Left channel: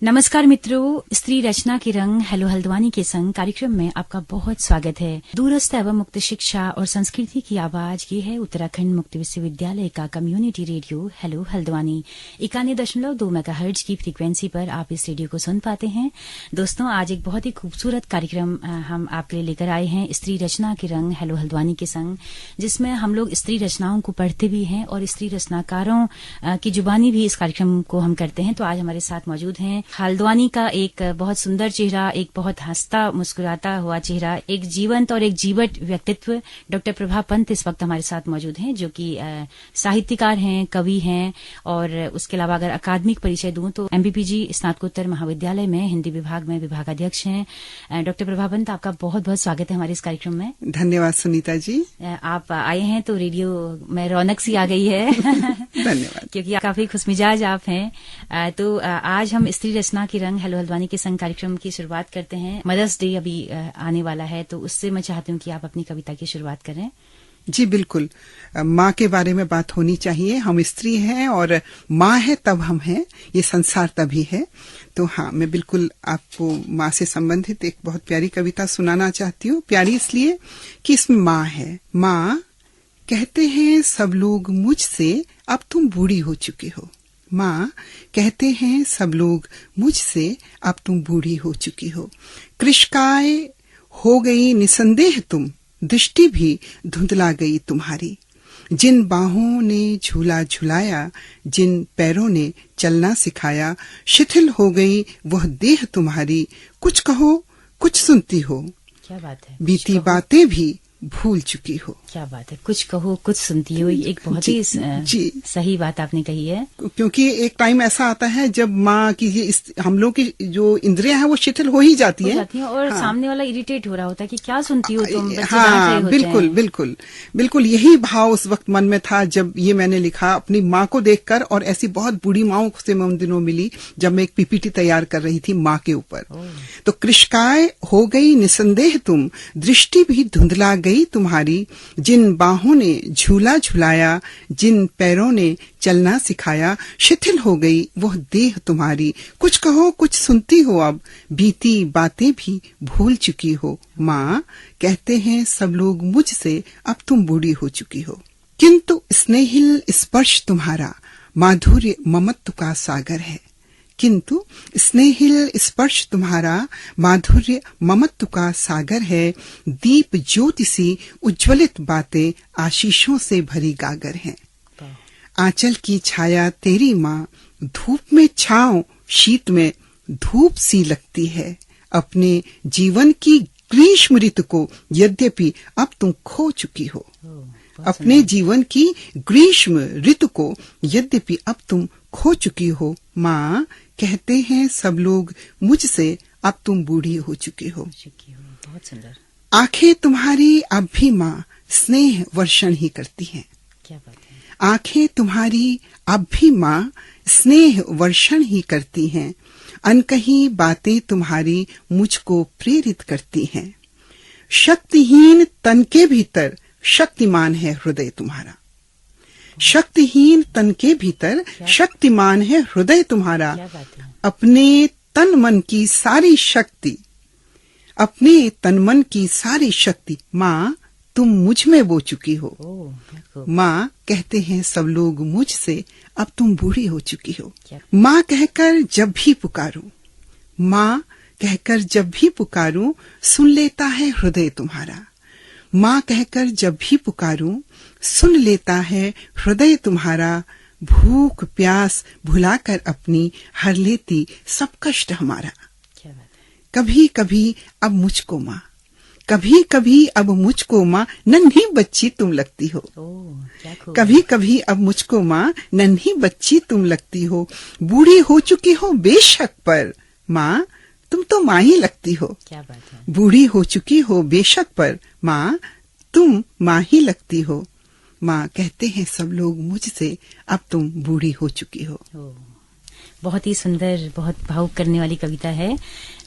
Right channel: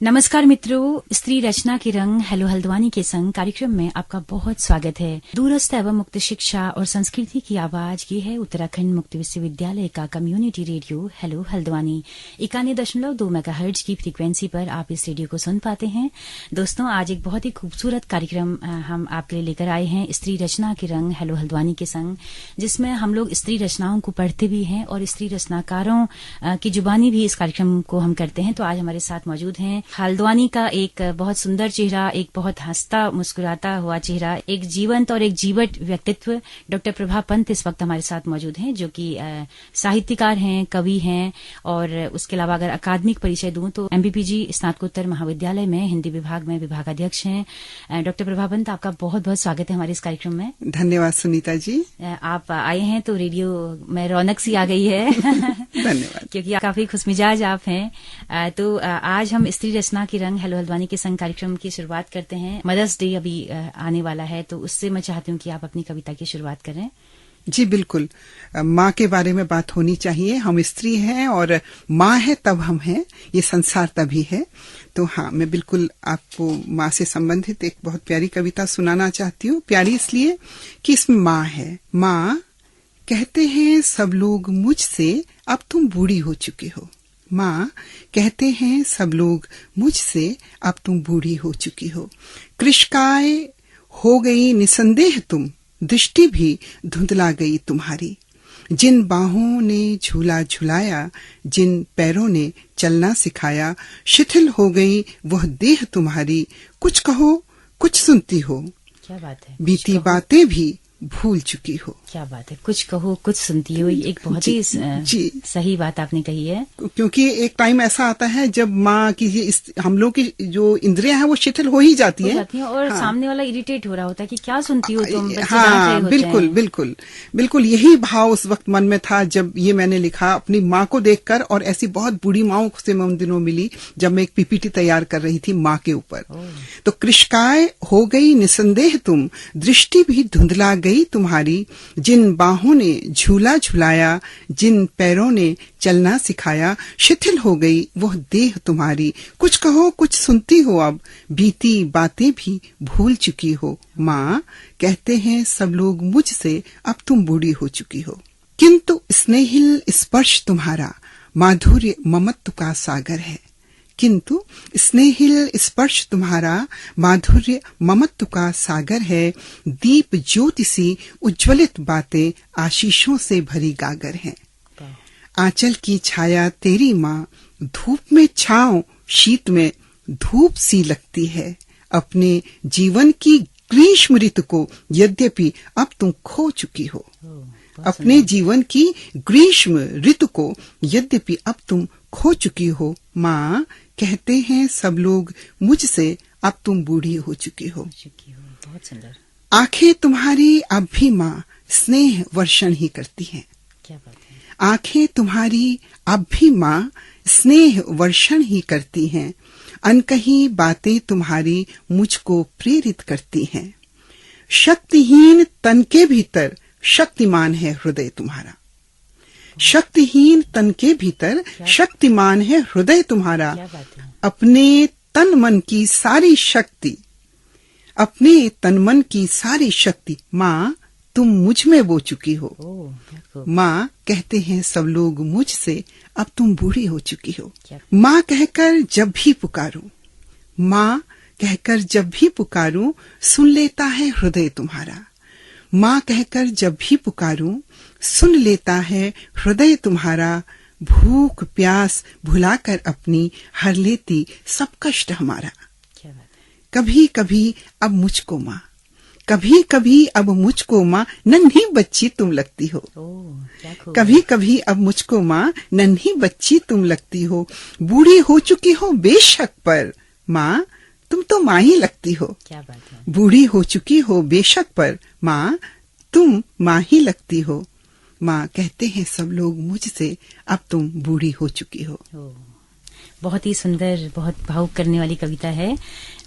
नमस्कार मित्रों, स्त्री रचना की रंग हेलो हल्द्वानी के संग कार्यक्रम में आपका बहुत स्वागत है। दूरस्थ एवं मुक्त शिक्षा और संस्कृति की आवाज ये है उत्तराखंड मुक्त विश्वविद्यालय का community radio hello Haldwani 91.2 megahertz की फ्रीक्वेंसी पर आप इस रेडियो को सुन पाते हैं। दोस्तों, आज एक बहुत ही खूबसूरत कार्यक्रम हम आपके लिए लेकर आए हैं, स्त्री रचना की रंग हेलो हल्द्वानी के संग, जिसमें हम लोग स्त्री रचनाओं को पढ़ते भी हैं और स्त्री रचनाकारों की जुबानी भी इस कार्यक्रम को हम करते हैं। तो आज हमारे साथ मौजूद हैं हल्द्वानी का एक बहुत सुंदर चेहरा, एक बहुत हंसता मुस्कुराता हुआ चेहरा, एक जीवंत और एक जीवट व्यक्तित्व डॉक्टर प्रभा पंत इस वक्त हमारे साथ मौजूद हैं, जो कि साहित्यकार हैं, कवि हैं और उसके अलावा अगर अकादमिक परिचय दूं तो MBPG स्नातकोत्तर महाविद्यालय में हिंदी विभाग में विभागाध्यक्ष हैं। डॉक्टर प्रभा पंत, आपका बहुत बहुत स्वागत है हमारे इस कार्यक्रम में। धन्यवाद सुनीता जी। आप आए हैं तो रेडियो में रौनक सी आ गई है। धन्यवाद। क्योंकि काफी खुशमिजाज आप हैं। तो आज हम स्त्री रचना की रंग हेलो हल्द्वानी के संग कार्यक्रम की शुरुआत करते हैं। मदर्स डे अभी आने वाला है, तो उससे मैं चाहती हूँ कि आप अपनी कविता की शुरुआत करें। जी बिल्कुल, माँ के बारे में बात होनी चाहिए। हम स्त्री हैं और माँ है तब हम हैं, ये संसार तभी है। तो हाँ, मैं बिल्कुल आपको माँ से संबंधित एक बहुत प्यारी कविता सुनाना चाहती हूँ। प्यारी इसलिए कि इसमें माँ है। माँ, कहते हैं सब लोग मुझसे अब तुम बूढ़ी हो चुकी हो। माँ, कहते हैं सब लोग मुझसे अब तुम बूढ़ी हो चुकी हो। कृशकाय हो गई निसंदेह तुम, दृष्टि भी धुंधला गई तुम्हारी। जिन बाहों ने झूला झुलाया, जिन पैरों ने चलना सिखाया, शिथिल हो गई वह देह तुम्हारी। कुछ कहो कुछ सुनती हो, क्या बात है। बीती बातें भी भूल चुकी हो। क्या बात है, कुछ कहो कुछ सुनती हो, एक बहुत ही सही बात आपने कही है। क्योंकि एक टाइम ऐसा आता है जब माँ की हम लोग की जो इंद्रियां हैं वो शिथिल हो ही जाती है और हाँ। सामने वाला इरिटेट हो रहा होता है कि क्या सुनती हो तुम। हाँ, बिल्कुल बिल्कुल बिल्कुल यही भाव उस वक्त मन में था जब ये मैंने लिखा अपनी माँ को देखकर। और ऐसी बहुत बूढ़ी माँ से मैं उन दिनों मिली जब मैं एक PPT तैयार कर रही थी माँ के ऊपर। तो कृशकाय हो गई निसंदेह तुम, दृष्टि भी धुंधला गई तुम्हारी। जिन बाहों ने झूला झुलाया, जिन पैरों ने चलना सिखाया, शिथिल हो गई वह देह तुम्हारी। कुछ कहो कुछ सुनती हो, अब बीती बातें भी भूल चुकी हो। माँ, कहते हैं सब लोग मुझसे अब तुम बूढ़ी हो चुकी हो। किंतु स्नेहिल स्पर्श तुम्हारा माधुर्य ममत्व का सागर है। किंतु स्नेहिल स्पर्श तुम्हारा माधुर्य ममत्व का सागर है। दीप ज्योति सी उज्ज्वलित बातें आशीषों से भरी गागर है। आंचल की छाया तेरी माँ, धूप में छांव शीत में धूप सी लगती है। अपने जीवन की ग्रीष्म ऋतु को यद्यपि अब तुम खो चुकी हो। अपने जीवन की ग्रीष्म ऋतु को यद्यपि अब तुम खो चुकी हो। माँ, कहते हैं सब लोग मुझसे अब तुम बूढ़ी हो चुकी हो। बहुत सुंदर। आंखें तुम्हारी अब भी माँ स्नेह वर्षण ही करती हैं। क्या बात है। आंखें तुम्हारी अब भी माँ स्नेह वर्षण ही करती हैं। अनकही बातें तुम्हारी मुझको प्रेरित करती हैं। शक्तिहीन तन के भीतर शक्तिमान है हृदय तुम्हारा। शक्तिहीन तन के भीतर शक्तिमान है हृदय तुम्हारा। अपने तन मन की सारी शक्ति, अपने तन मन की सारी शक्ति माँ तुम मुझ में बो चुकी हो। माँ, कहते हैं सब लोग मुझसे अब तुम बूढ़ी हो चुकी हो। माँ कहकर जब भी पुकारूं, माँ कहकर जब भी पुकारूं, सुन लेता है हृदय तुम्हारा। माँ कहकर जब भी पुकारूं, सुन लेता है हृदय तुम्हारा। भूख प्यास भुलाकर अपनी हर लेती सब कष्ट हमारा। कभी कभी अब मुझको माँ, कभी कभी अब मुझको माँ नन्ही बच्ची तुम लगती हो। कभी कभी अब मुझको माँ नन्ही बच्ची तुम लगती हो। बूढ़ी हो चुकी हो बेशक, पर माँ तुम तो माँ ही लगती हो। क्या बात है। बूढ़ी हो चुकी हो बेशक, पर माँ तुम माँ ही लगती हो। माँ, कहते हैं सब लोग मुझसे अब तुम बूढ़ी हो चुकी हो। बहुत ही सुंदर, बहुत भावुक करने वाली कविता है।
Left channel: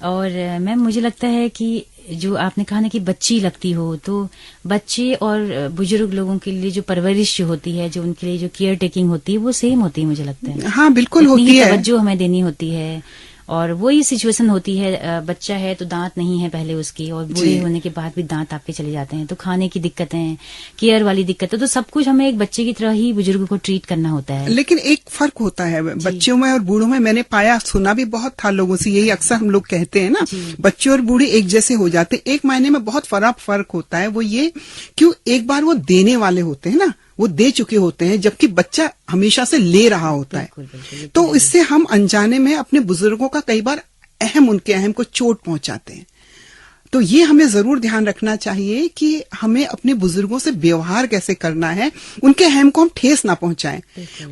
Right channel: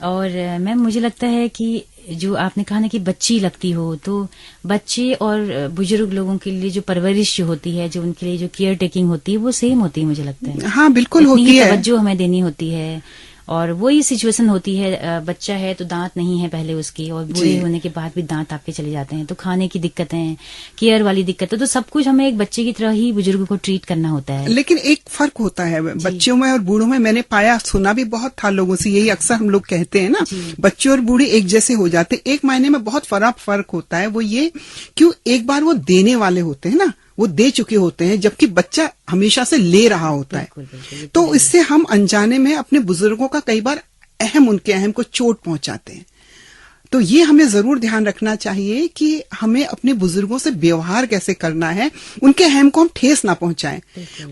और मैम, मुझे लगता है कि जो आपने कहा ना कि बच्ची लगती हो, तो बच्चे और बुजुर्ग लोगों के लिए जो परवरिश जो होती है, जो उनके लिए जो केयर टेकिंग होती है, वो सेम होती है मुझे लगता है। हाँ बिल्कुल होती है। तवज्जो हमें देनी होती है और वही सिचुएशन होती है, बच्चा है तो दांत नहीं है पहले उसके, और बूढ़े होने के बाद भी दांत आपके चले जाते हैं, तो खाने की दिक्कतें, केयर वाली दिक्कतें, तो सब कुछ हमें एक बच्चे की तरह ही बुजुर्ग को ट्रीट करना होता है। लेकिन एक फर्क होता है बच्चों में और बूढ़ों में। मैंने पाया, सुना भी बहुत था लोगों से, यही अक्सर हम लोग कहते हैं ना, बच्चे और बूढ़े एक जैसे हो जाते। एक मायने में बहुत फर्क होता है, वो ये क्यों, एक बार वो देने वाले होते हैं ना, वो दे चुके होते हैं, जबकि बच्चा हमेशा से ले रहा होता है। तो इससे हम अनजाने में अपने बुजुर्गों का कई बार उनके अहम को चोट पहुंचाते हैं। तो ये हमें जरूर ध्यान रखना चाहिए कि हमें अपने बुजुर्गों से व्यवहार कैसे करना है, उनके अहम को हम ठेस ना पहुंचाएं।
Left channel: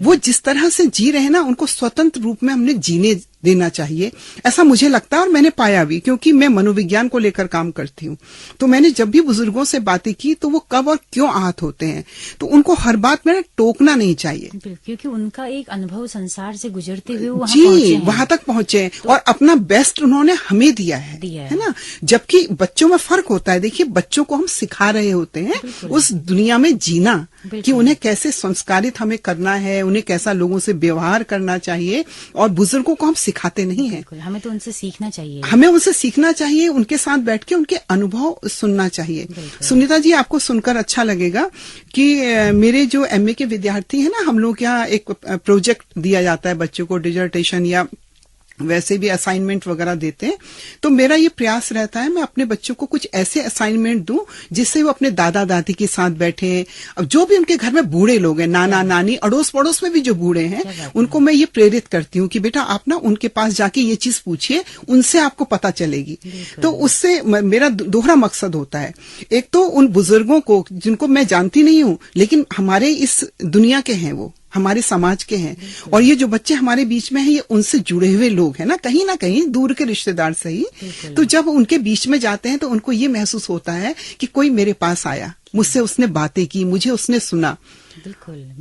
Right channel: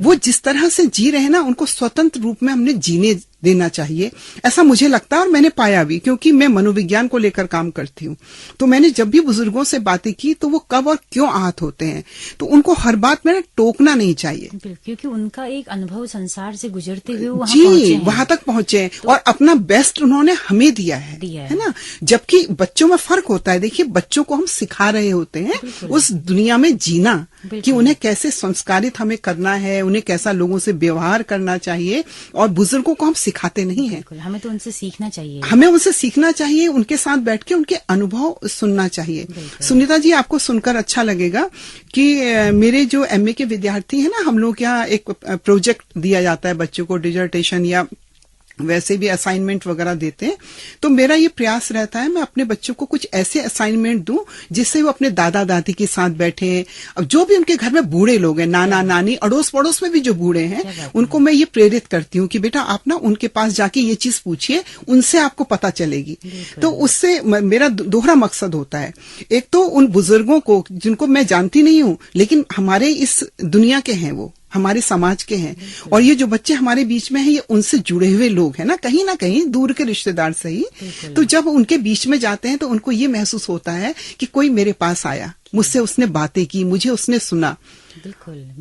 वो जिस तरह से जी रहे हैं ना, उनको स्वतंत्र रूप में हमने जीने देना चाहिए, ऐसा मुझे लगता है। और मैंने पाया भी, क्योंकि मैं मनोविज्ञान को लेकर काम करती हूँ, तो मैंने जब भी बुजुर्गों से बातें की तो वो कब और क्यों आहत होते हैं, तो उनको हर बात में टोकना नहीं चाहिए, क्योंकि उनका एक अनुभव संसार से गुजरते हुए वहां तक पहुंचे और अपना बेस्ट उन्होंने हमें दिया है ना। जबकि बच्चों में फर्क होता है। देखिए, बच्चों को हम सिखा रहे होते हैं उस दुनिया में जीना, कि उन्हें कैसे संस्कारित हमें करना है, उन्हें कैसा लोगों से व्यवहार करना चाहिए, और बुजुर्गों को हम सिखाते नहीं हैं। हमें तो उनसे सीखना चाहिए, उनके साथ बैठ के उनके अनुभव सुनना चाहिए। सुनीता जी, आपको सुनकर अच्छा लगेगा कि मेरे जो एमए के विद्यार्थी हैं ना, हम लोग यहाँ एक प्रोजेक्ट दिया जाता है बच्चों को, डिजर्टेशन या वैसे भी असाइनमेंट वगैरह देते हैं। तो मेरा ये प्रयास रहता है, मैं अपने बच्चों को कुछ ऐसे असाइनमेंट दूं जिससे वो अपने दादा दादी के साथ बैठे। अब जो भी उनके घर में बूढ़े लोग हैं, नाना नानी, अड़ोस पड़ोस में भी जो बूढ़े हैं, उनको मैं ये प्रेरित करती हूँ कि बेटा आप ना उनके पास जाके ये चीज पूछिए, उनसे आपको पता चलेगी। तो उससे मेरा दोहरा मकसद होता है। एक तो उन बुजुर्गों को जिनको मैं जानती नहीं हूँ, लेकिन हमारे इस दुनिया के हैं, वो हमारे समाज के हैं, और ये जो बच्चे हमारे बीच में हैं, ये उनसे जुड़े हुए लोग हैं ना कहीं दूर के रिश्तेदार से ही। तो जब उनके बीच में जाते हैं तो उनको ये महसूस होता है कि कोई मेरे पास आया, मुझसे उसने बातें की, मुझे उसने सुना।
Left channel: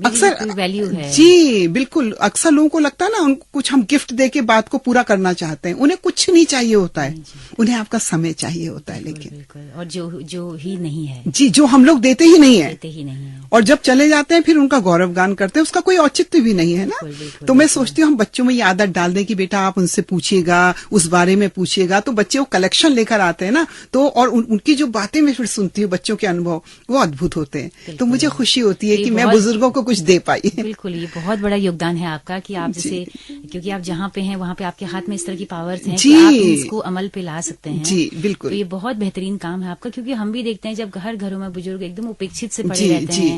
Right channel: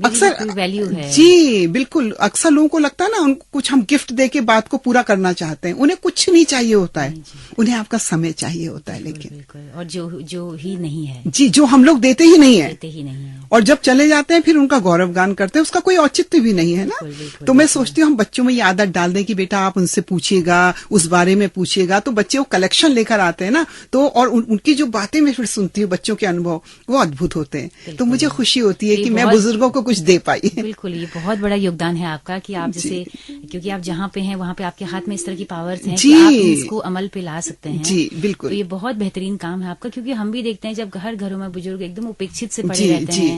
अक्सर वैल्यू है। जी बिल्कुल, अक्सर लोगों को लगता है ना, उनको कुछ हम गिफ्ट दे के बात को पूरा करना चाहते हैं। उन्हें कुछ नहीं चाहिए होता है, उन्हें आपका समय चाहिए होता है। लेकिन और जो ही नहीं है, जी, जो हम लोग देते ही नहीं है, है। और जब चले जाते हैं फिर उनका गौरवगान करते हैं, उसका कोई औचित्य भी नहीं है ना। तो मैं सोचती हूँ हम बच्चों में ये आदत डाल दें कि बेटा आप उनसे पूछिएगा, उस बारे में पूछिएगा, तो बच्चे वो कलेक्शन लेकर आते हैं ना। तो और उनकी जो बातें मैं फिर सुनती हूँ, बच्चों के अनुभव वो अद्भुत होते हैं। तो मुझे खुशी होती है कि मैं बुजुर्गों को कुछ दे पाई। बिल्कुल, ये बहुत बड़ा योगदान है आपका कि आप जैसे, क्योंकि आप जहाँ पे हैं वहाँ पे आपके हाथ में इस तरह की पावर्स हैं कि आप इसको अमल पे ला सकते हैं। जी बिल्कुल, तो ये बहुत बेहतरीन काम है आपका, क्योंकि हम भी देखते हैं जब हर घरों में बुजुर्ग एकदम उपेक्षित से पड़े रहते हैं,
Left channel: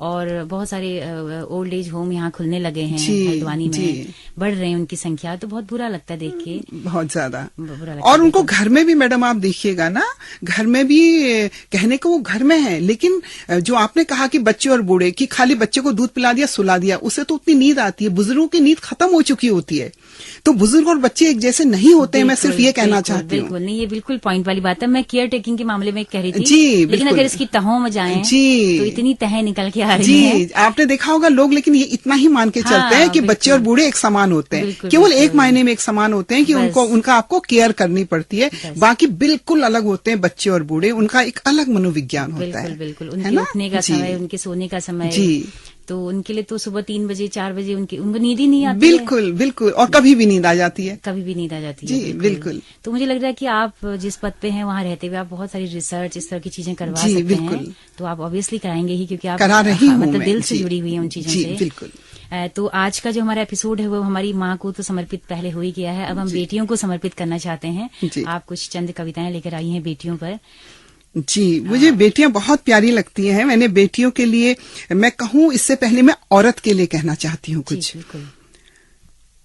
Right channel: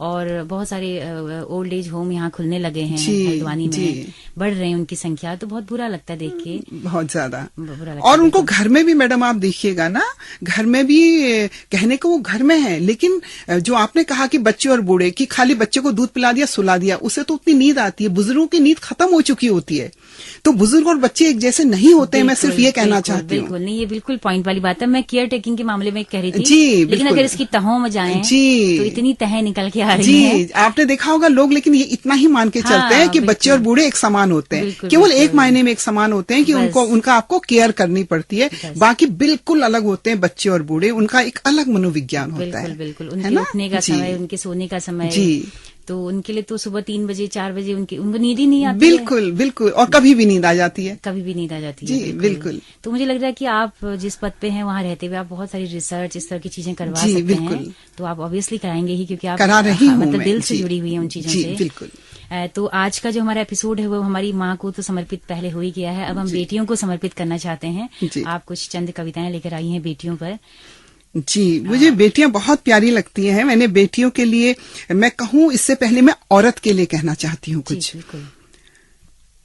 और बहुत सारे ओल्ड एज होम यहाँ खुलने लगे हैं हल्द्वानी में, बढ़ रहे हैं उनकी संख्या। तो बहुत बुरा लगता है देख के, बहुत ज्यादा बुरा लगता है। और उनको घर में भी मैडम आप देखिएगा ना, घर में भी कहने को वो घर में है, लेकिन जो आपने कहा कि बच्चे और बूढ़े की, खाली बच्चे को दूध पिला दिया, सुला दिया, उससे तो उतनी नींद आती है। बुजुर्गों की नींद खत्म हो चुकी होती है। तो बुजुर्ग और बच्चे एक जैसे नहीं होते हैं, मैं सिर्फ ये कहना चाहती हूँ। बिल्कुल नहीं, ये बिल्कुल पॉइंट वाली बात है। मैं केयर टेकिंग के मामले में कह रही थी, जी, लेकिन अगर इसकी तहों में जाएं तो इतनी तहें निकल के आ रही है। आपने देखा होगा लोग, लेकिन ये इतना ही मान के चलते हैं कि बच्चे और बूढ़े एक समान होते हैं, केवल एक मायने में एक समान होते हैं कि उनका आपको केयर करनी पड़ती है। बाकी बिल्कुल अलग होते हैं बच्चे और बूढ़े, उनका एक अलग मनोविज्ञान होता है। बिल्कुल, उनके उठने का समय, उनके सोने का समय, तो उनके लिए तो सुबह 3 बजे 4 बजे उनको नींद ही नहीं आती। बिल्कुल, और कभी भी नींद आ जाती है, जी बिल्कुल। तो मुझे लग रहा है कि आप जिस पद पे हैं वहाँ रहते हुए आप बहुत सारी रिसर्च, इस तरह की चीजें करवा सकते हैं। तो आप ऑब्वियसली कराएंगे ही, क्योंकि आप मतलब दिल से जुड़ी हुई है उन चीजों से। बिल्कुल। तो आज का जो हमारा एपिसोड है वो हमारी माँ को तो समर्पित पहले हो ही गया है, अब हम बेटियों को समर्पित करना चाहते हैं। आप कुछ चंद कविताएं लेकर आई हैं बेटियों पर। जी, मुझे बेटियां बहुत प्यारी लगती हैं। मैंने बेटियों के लिए, मैं कहूँ इससे पहले मैं औरत के लिए कहना चाहती हूँ कुछ।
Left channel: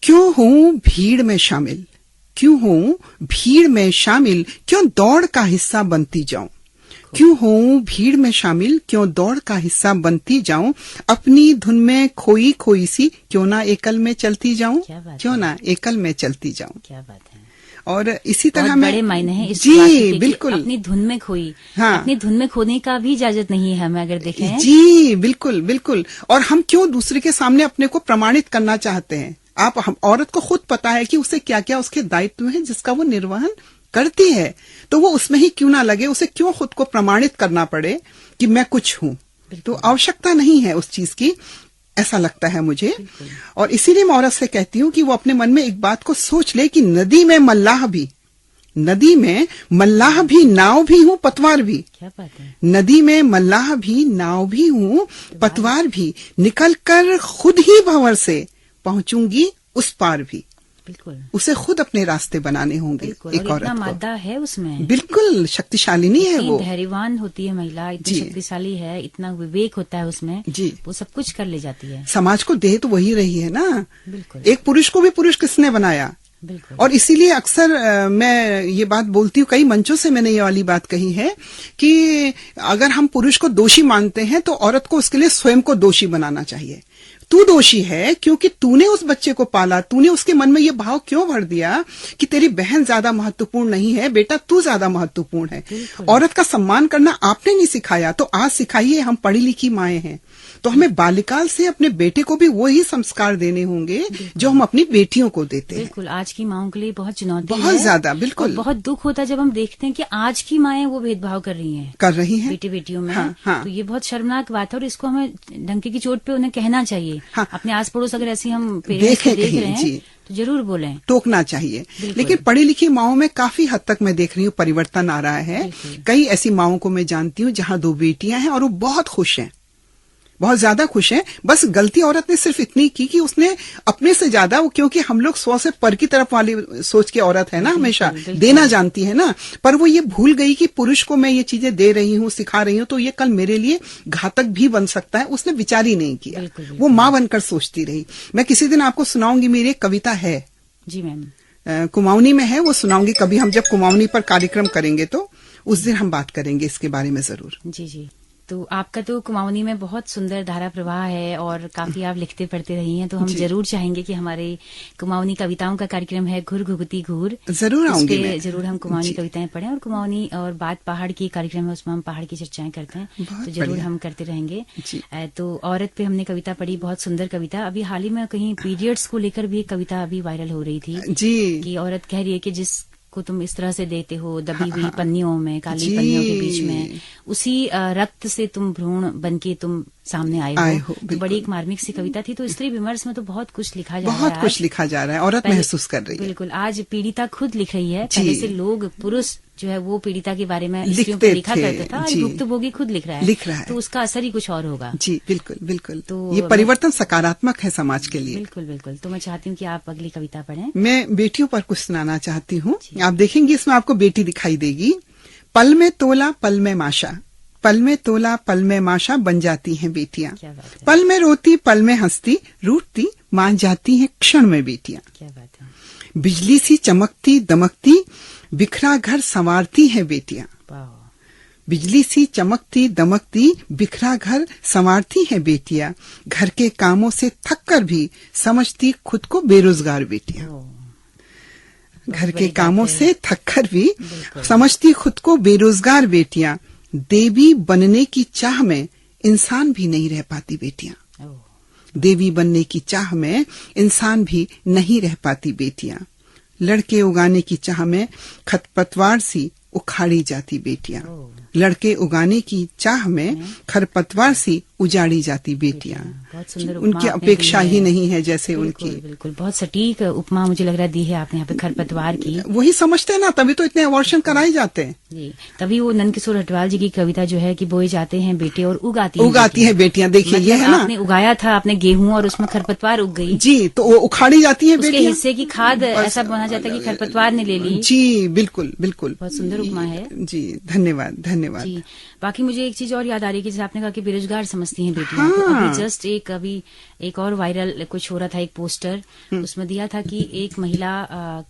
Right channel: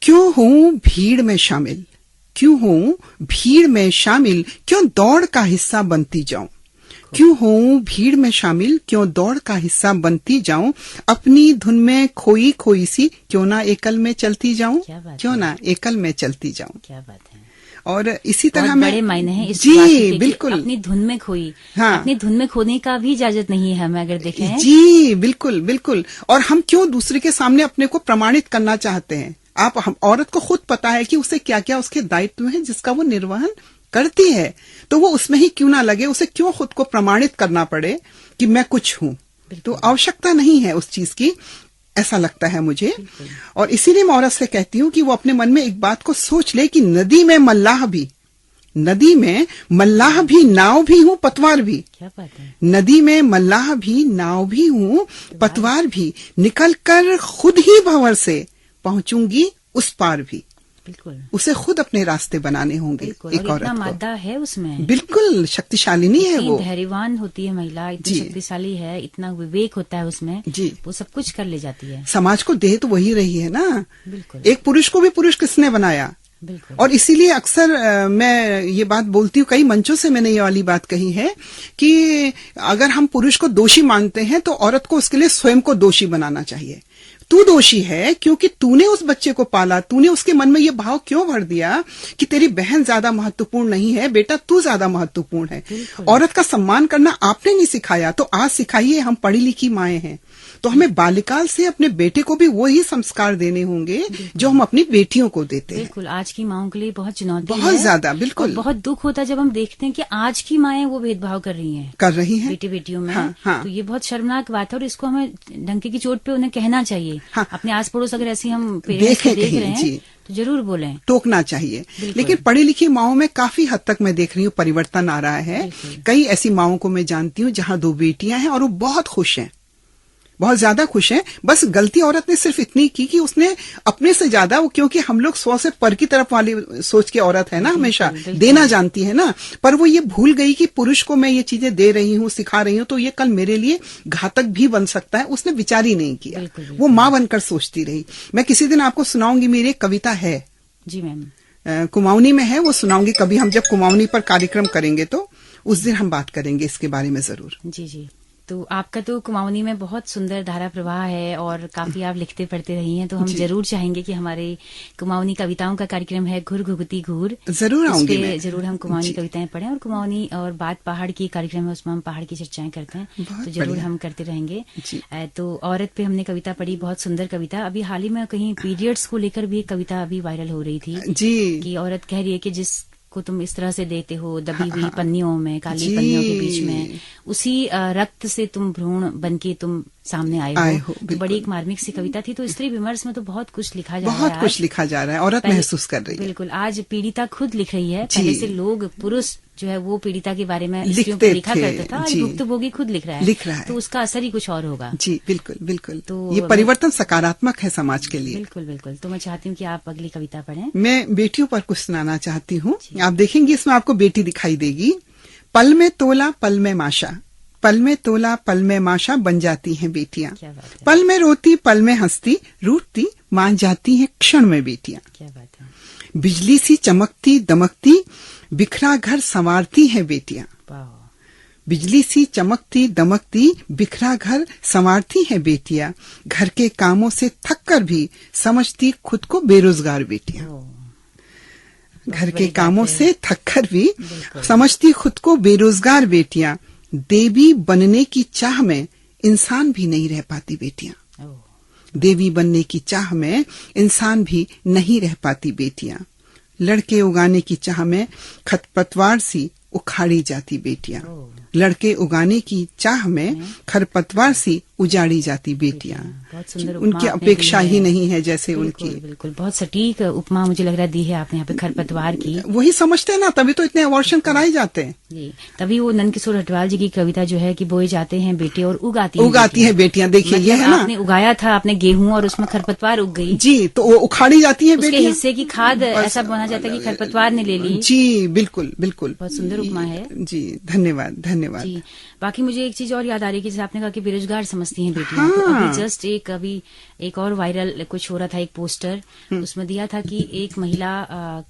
क्यों हूँ भीड़ में शामिल, क्यों हूँ भीड़ में शामिल, क्यों दौड़ का हिस्सा बनती जाऊं, क्यों हूँ भीड़ में शामिल, क्यों दौड़ का हिस्सा बनती जाऊं, अपनी धुन में खोई खोई सी, क्यों ना एकल में चलती जाऊं, क्यों ना एकल में चलती जाऊं। क्या बात है। और इसी तरह बड़े मायने हैं इस जी बिल्कुल, अपनी धुन में खोई। अपनी धुन में खोने का भी इजाजत नहीं है हमें, अगर देखें। जी बिल्कुल। और हम क्यों दूसरे के सामने अपने को प्रमाणित करना चाहते हैं। हम औरत को खुद पता है कि उसे क्या क्या उसके दायित्व है जिसका वो निर्वहन करती है, तो वो उसमें ही क्यों ना लगे, उसे क्यों खुद को प्रमाणित करना पड़े कि मैं कुछ हूँ। तो आवश्यकता नहीं है उस चीज की। ऐसा लगता है मुझे। और इसीलिए मैं औरत से कहती हूँ कि वो अपने मन में एक बात को सोच ले कि नदी में मल्लाह भी नाव भी हूँ, पतवार भी। क्या बात है। नदी में मल्लाह भी नाव भी हूँ, पतवार भी, निकल कर खुद ही भंवर से पहुंचूंगी उस पार भी। बिल्कुल, उसे खुद अपने रास्ते बनाने होंगे। एक औरत को मादा है उसमें, बिल्कुल शक्तिशालिनी है वो, धैर्यवान होती है महिला, इतनी शक्तिशाली है, इतना विवेक होता है उसमें जी, वो सब कुछ कर ले जाती है। समाज को दे तो वही रही है ना। बिल्कुल, एक पुरुष को भी पुरुष किसने बनाया। बिल्कुल। और इसीलिए अक्सर मैं ये बात बोलती हूँ, कई मंचों से मैंने ये वाली बात कही है कि अगर हम पुरुष को दोषी मानते हैं तो औरत को उसके लिए स्वयं को दोषी बनाना चाहिए। तू दोषी है क्योंकि तूने उस बच्चे को पाला, तूने उसके मन में ये भाव क्यों भर दिया कि तेरी बहन ज्यादा महत्वपूर्ण नहीं है, बेटा तू ज्यादा महत्वपूर्ण है। औरत का सम्मान करना आपने नहीं सिखाया, तो आज सिखाइए। हम पढ़ी लिखी माएं हैं, तो हमें बालिकाल से अपने बेटे को भी वही संस्कार देने होंगे जो हम अपनी बेटियों को देते हैं। बिल्कुल, आज की माओं के लिए बहुत चुनौती है, बहुत ज्यादा। बिल्कुल, बहुत दुख होता है जब हम देखते हैं कि आज की माएं वो भेदभाव कर रही हैं बेटी बेटियों में। हाँ। तो ये बहुत शर्मनाक बात है और इसको हमें डंके की चोट पे उन्हें कहना चाहिए। हाँ। अपने आस पड़ोस अगर ऐसी हम देख रहे हैं तो जरूर बोलें, टोकना चाहिए। लेकिन पढ़ी लिखी माओं में काफी हद तक मैं देख रही हूँ परिवर्तन आ रहा है। कई ऐसी माओं को मैं जानती हूँ जहाँ 2 बेटियां हैं और वो बहुत खुश हैं, बहुत ज्यादा खुश हैं। बस गलती औरत ने सिर्फ इतनी की कि उसने अपने से ज्यादा, क्योंकि हम लोग 100 से पर की तरफ वाली सोच के औरत है ना, हमेशा देना जानती है ना, पर वो ये भूल गई कि पुरुष को मैं ये चीजें दे रही हूँ, सिखा रही हूँ, तो ये कल मेरे लिए घातक भी बन सकता है। उसने विचार ही नहीं किया, वो माँ बनकर सोचती रही। मैं किसी दिन आपको सुनाऊंगी, मेरी एक कविता है जी मैम, कुमाऊनी में है, वो सुनाऊंगी कभी। हम जब कुमाऊनी पर कार्यक्रम करेंगे तो उस दिन हम बात करेंगे इसके बारे में जरूर। जी जी। तो आपका तो कुमाऊनी में बहुत सुंदर धारा प्रवाह है और काफी आप लिखते पढ़ते रही हैं, तो हम जरूर चाहेंगे कि हमारे कुमाऊनी कविताओं का कार्यक्रम है घुर घुगती घूर, जरूर आऊंगी मैं। जरूर हम कुमाऊनी कविताएं पढ़ें और कुमाऊनी और बात पहाड़ की कार्यक्रम है, उसमें हम पहाड़ की चर्चाएं करते हैं, तो जरूर हम करते रहेंगे। तो औरत पे हमने कविता पढ़ी, बहुत सुंदर कविता। अभी हाल ही में कहीं पीरियड्स को लेकर भी एक कविता अभी वायरल हो रही थी जी, कि औरत कह रही है कि जिस को तुम इस तरह से देते हो, दबी हुई पन्नियों में, काली पन्नियों के बीच में, उसी रक्त से तुम भ्रूण बनके तुम सामने आए हो। तो बड़ी एक मार्मिक सी कविता थी। तो स्त्री विमर्श में तो बहुत कुछ लिखा जा रहा है, बहुत कुछ लिखा जा रहा है, औरत महसूस कर रही है। बिल्कुल, आज पीड़िता खुद लिख रही है। पहले से लोग, पुरुष जो है वो पीड़िता के बारे में स्त्रियों को लिखा करता था, आज भुक्तभोगी खुद लिख रहा है, तो उसका असर ही कुछ और होगा। जी बिल्कुल बिल्कुल। तो ये परिवर्तन सकारात्मक है समाज के लिए। बिल्कुल बिल्कुल। तो मैं चाहती हूँ कि आप अगली कविता पढ़ें। मैं बेटियों पर कुछ सुनाना चाहती हूँ। आप देखेंगे इसमें आपको बेटी दिखाई देगी। पल में तोला पल में माशा, पल में तोला पल में माशा बन जाती हैं बेटियां। पल में रोती पल में हंसती, रूठती मान जाती हैं क्षण में बेटियां। क्या बात है। बिजली सी चमकती दमकती बिखरा घर संवारती हैं बेटियां। बिजली सी चमकती दमकती बिखरा घर संवारती हैं बेटियां। घर के कामों से थक कर भी समझती खुद को बेरोजगार बेटियां। घर के कामों से थक कर भी समझती खुद को बेरोजगार बेटियां। देवी बनने की चाह में इंसान भी नहीं रह पाती बेटियां। देवी बनने की चाह में इंसान भी नहीं रह पाती बेटियां। लड़के उगाने की चाह में खरपतवार सी उखाड़ी जाती बेटियां। लड़के उगाने की चाह में खरपतवार सी उजाड़ी जाती बेटियां। उनकी अपेक्षा ही नहीं है जैसे उनकी। बिल्कुल, बहुत सटीक उपमा मुझे लग रहा दी है आपने यहाँ पे खरपतवार की। वही समझते हैं ना, तभी तो इतने अबॉर्शन कराए जाते हैं। तभी वो नंदकिशोर हटवाल जी की कविता जो है कि बोए जाते हैं बेटे और उगाती हैं बेटियां। देखिए ये है ना, आपने उगाया था आपने गेहूं और उसमें खरपतवार उग गई जी, तो वो उखाड़ी जाती है बेटियां। हिस्से की खाद ऐसा बोला जाता है कि खरपतवार ने ले ली। जी बिल्कुल बिल्कुल, बहुत सुंदर उपमा है जी। धन्यवाद धन्यवाद जी। बाकी मुझे एक चीज और याद आ रही है कि जैसे आपने कहा कि बेरोजगार समझती हैं बेटियां। तो अभी जस्ट एक और वायरल कुछ हो रहा था, एक पोस्टर उसमें दिया था कि एक महिला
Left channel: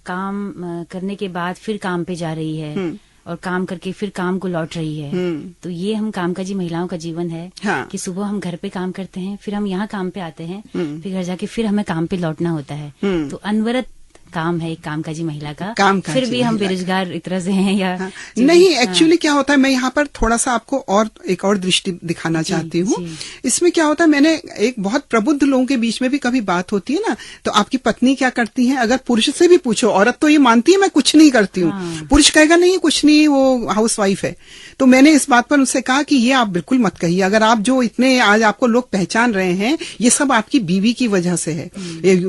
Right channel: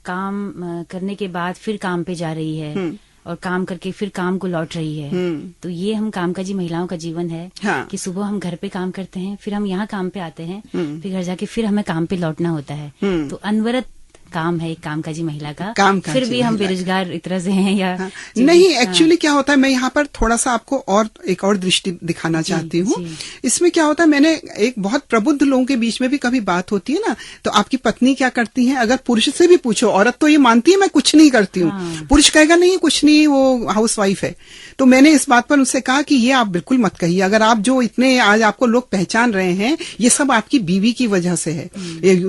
काम करने के बाद फिर काम पे जा रही है और काम करके फिर काम को लौट रही है। तो ये हम कामकाजी महिलाओं का जीवन है कि सुबह हम घर पे काम करते हैं, फिर हम यहाँ काम पे आते हैं, फिर घर जाके फिर हमें काम पे लौटना होता है। तो अनवरत काम है, कामकाजी महिला का, कामकाजी फिर भी हम महिला। बेरोजगार एक तरह से हैं या हाँ, नहीं, एक्चुअली क्या होता है, मैं यहाँ पर थोड़ा सा आपको और एक और दृष्टि दिखाना चाहती हूँ। इसमें क्या होता है, मैंने एक बहुत प्रबुद्ध लोगों के बीच में भी कभी बात होती है ना, तो आपकी पत्नी क्या करती है, अगर पुरुष से भी पूछो, औरत तो ये मानती है मैं कुछ नहीं करती हूँ, पुरुष कहेगा नहीं कुछ नहीं, वो हाउस वाइफ है। तो मैंने इस बात पर उससे कहा कि ये आप बिल्कुल मत कहिए, अगर आप जो इतने आज आपको लोग पहचान रहे हैं, ये सब आपकी बीवी की वजह से है।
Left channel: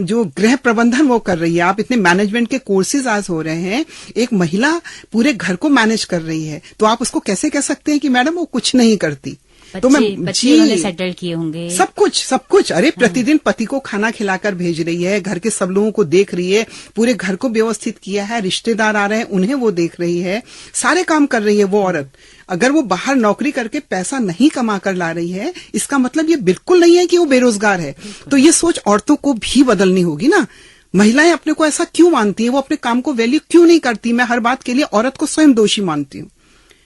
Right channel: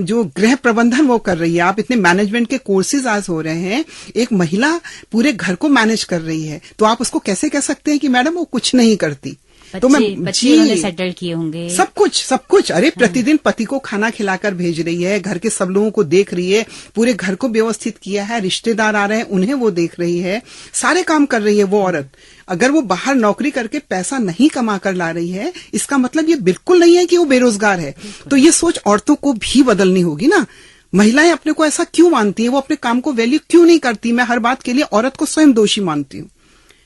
जो गृह प्रबंधन वो कर रही है, आप इतने मैनेजमेंट के कोर्सेज आज हो रहे हैं, एक महिला पूरे घर को मैनेज कर रही है, तो आप उसको कैसे कह सकते हैं कि मैडम वो कुछ नहीं करती। तो मैं बच्चे सेटल किए होंगे, सब कुछ अरे प्रतिदिन पति को खाना खिलाकर भेज रही है, घर के सब लोगों को देख रही है, पूरे घर को व्यवस्थित किया है, रिश्तेदार आ रहे हैं उन्हें वो देख रही है, सारे काम कर रही है वो औरत। अगर वो बाहर नौकरी करके पैसा नहीं कमा कर ला रही है, इसका मतलब ये बिल्कुल नहीं है कि वो बेरोजगार है। तो ये सोच औरतों को भी बदलनी होगी ना। महिलाएं अपने को ऐसा क्यों मानती है, वो अपने काम को वैल्यू क्यों नहीं करती। मैं हर बात के लिए औरत को स्वयं दोषी मानती हूँ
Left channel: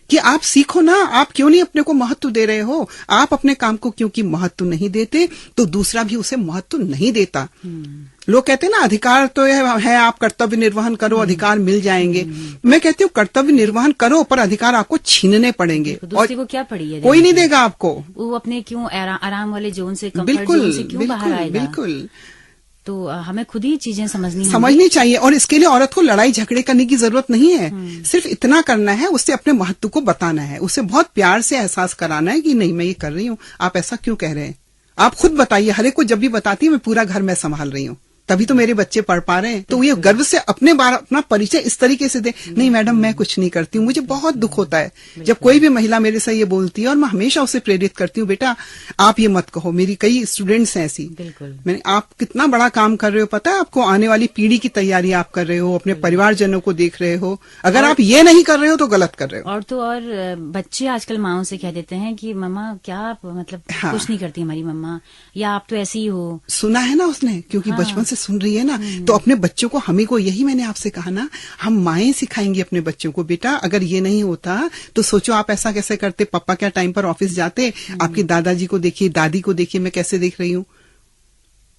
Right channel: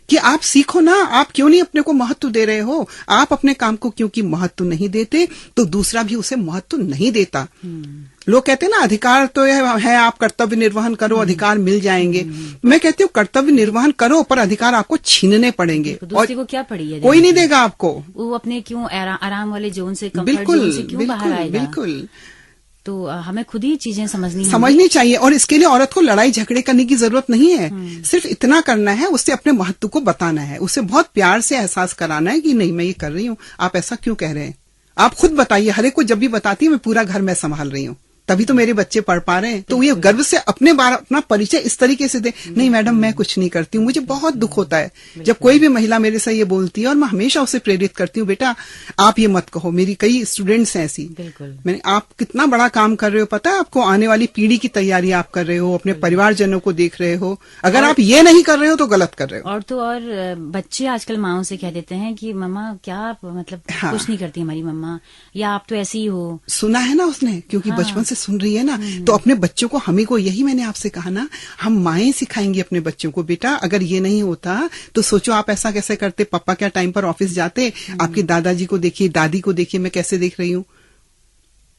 कि आप सीखो ना, आप क्यों नहीं अपने को महत्व दे रहे हो, आप अपने काम को क्योंकि महत्व नहीं देते तो दूसरा भी उसे महत्व नहीं देता। लोग कहते हैं ना अधिकार तो है, आप कर्तव्य निर्वहन करो, अधिकार मिल जाएंगे। मैं कहती हूँ कर्तव्य निर्वहन करो, पर अधिकार आपको छीनने पड़ेंगे। तो दूसरे को क्या पड़ी है, कोई नहीं देगा आपको। वो अपने क्यों आराम वाले जोन से, कंफर्ट जोन से क्यों बाहर आएगा। बिल्कुल। तो हमें खुद ही चीजें समझनी चाहिए, और इसके लिए औरत को लड़ाई झगड़े करने की जरूरत नहीं है। सिर्फ इतना करना है, उससे अपने महत्व को बताना है, उसे बहुत प्यार से एहसास कराना है कि नहीं मैं ये कर रही हूँ, आप ऐसा क्यों कह रहे हैं, आप खुद बताइए। हर एक को जब भी बताती है मैं पूरा घर में संभाल रही हूँ, तभी तो मेरे बच्चे पढ़ पा रहे हैं। तो ये गर्व से अपना परिचय इस तरीके से दे, नहीं मैडम मैं कुछ नहीं करती हूँ। मुझे बहुत दुख होता है जब कोई भी महिला मेरे से ये बोलती है, और मैं हमेशा उसे प्रेरित करती हूँ, बेटा आप ये मत कहो। मेरी कई स्टूडेंट्स हैं ऐसी, मैंने आप कितना बड़ा काम कर रहे हो, पता है आपको, आने वाली पीढ़ी की तैयारी आप कर रहे हो, अपने परिवारजनों को देख रहे हो, अगर आप ये नहीं कर रहे हो तो गलत कर रहे हो। और तो और बच्चे आजकल माओ से कह देते हैं कि मम्मा क्या आप मतलब कुछ नहीं करती हमारी मम्मा, या आप तो ऐसी ही हो। सुना है ना उसने, क्योंकि बचपन से सुन रही है ना, तो अपने बच्चों को, हमी को, यही मैंने आपसे कहा ना, हम माएं सिखाएंगी अपने बच्चों को, बेटा अगर ये नहीं होता तो सोचो आप ऐसा कैसे करते, पापा क्या टाइम पर ऑफिस जाते, आपकी दादाजी को देखिए, दादी को देखिए, मैं कैसे देख रही हूँ,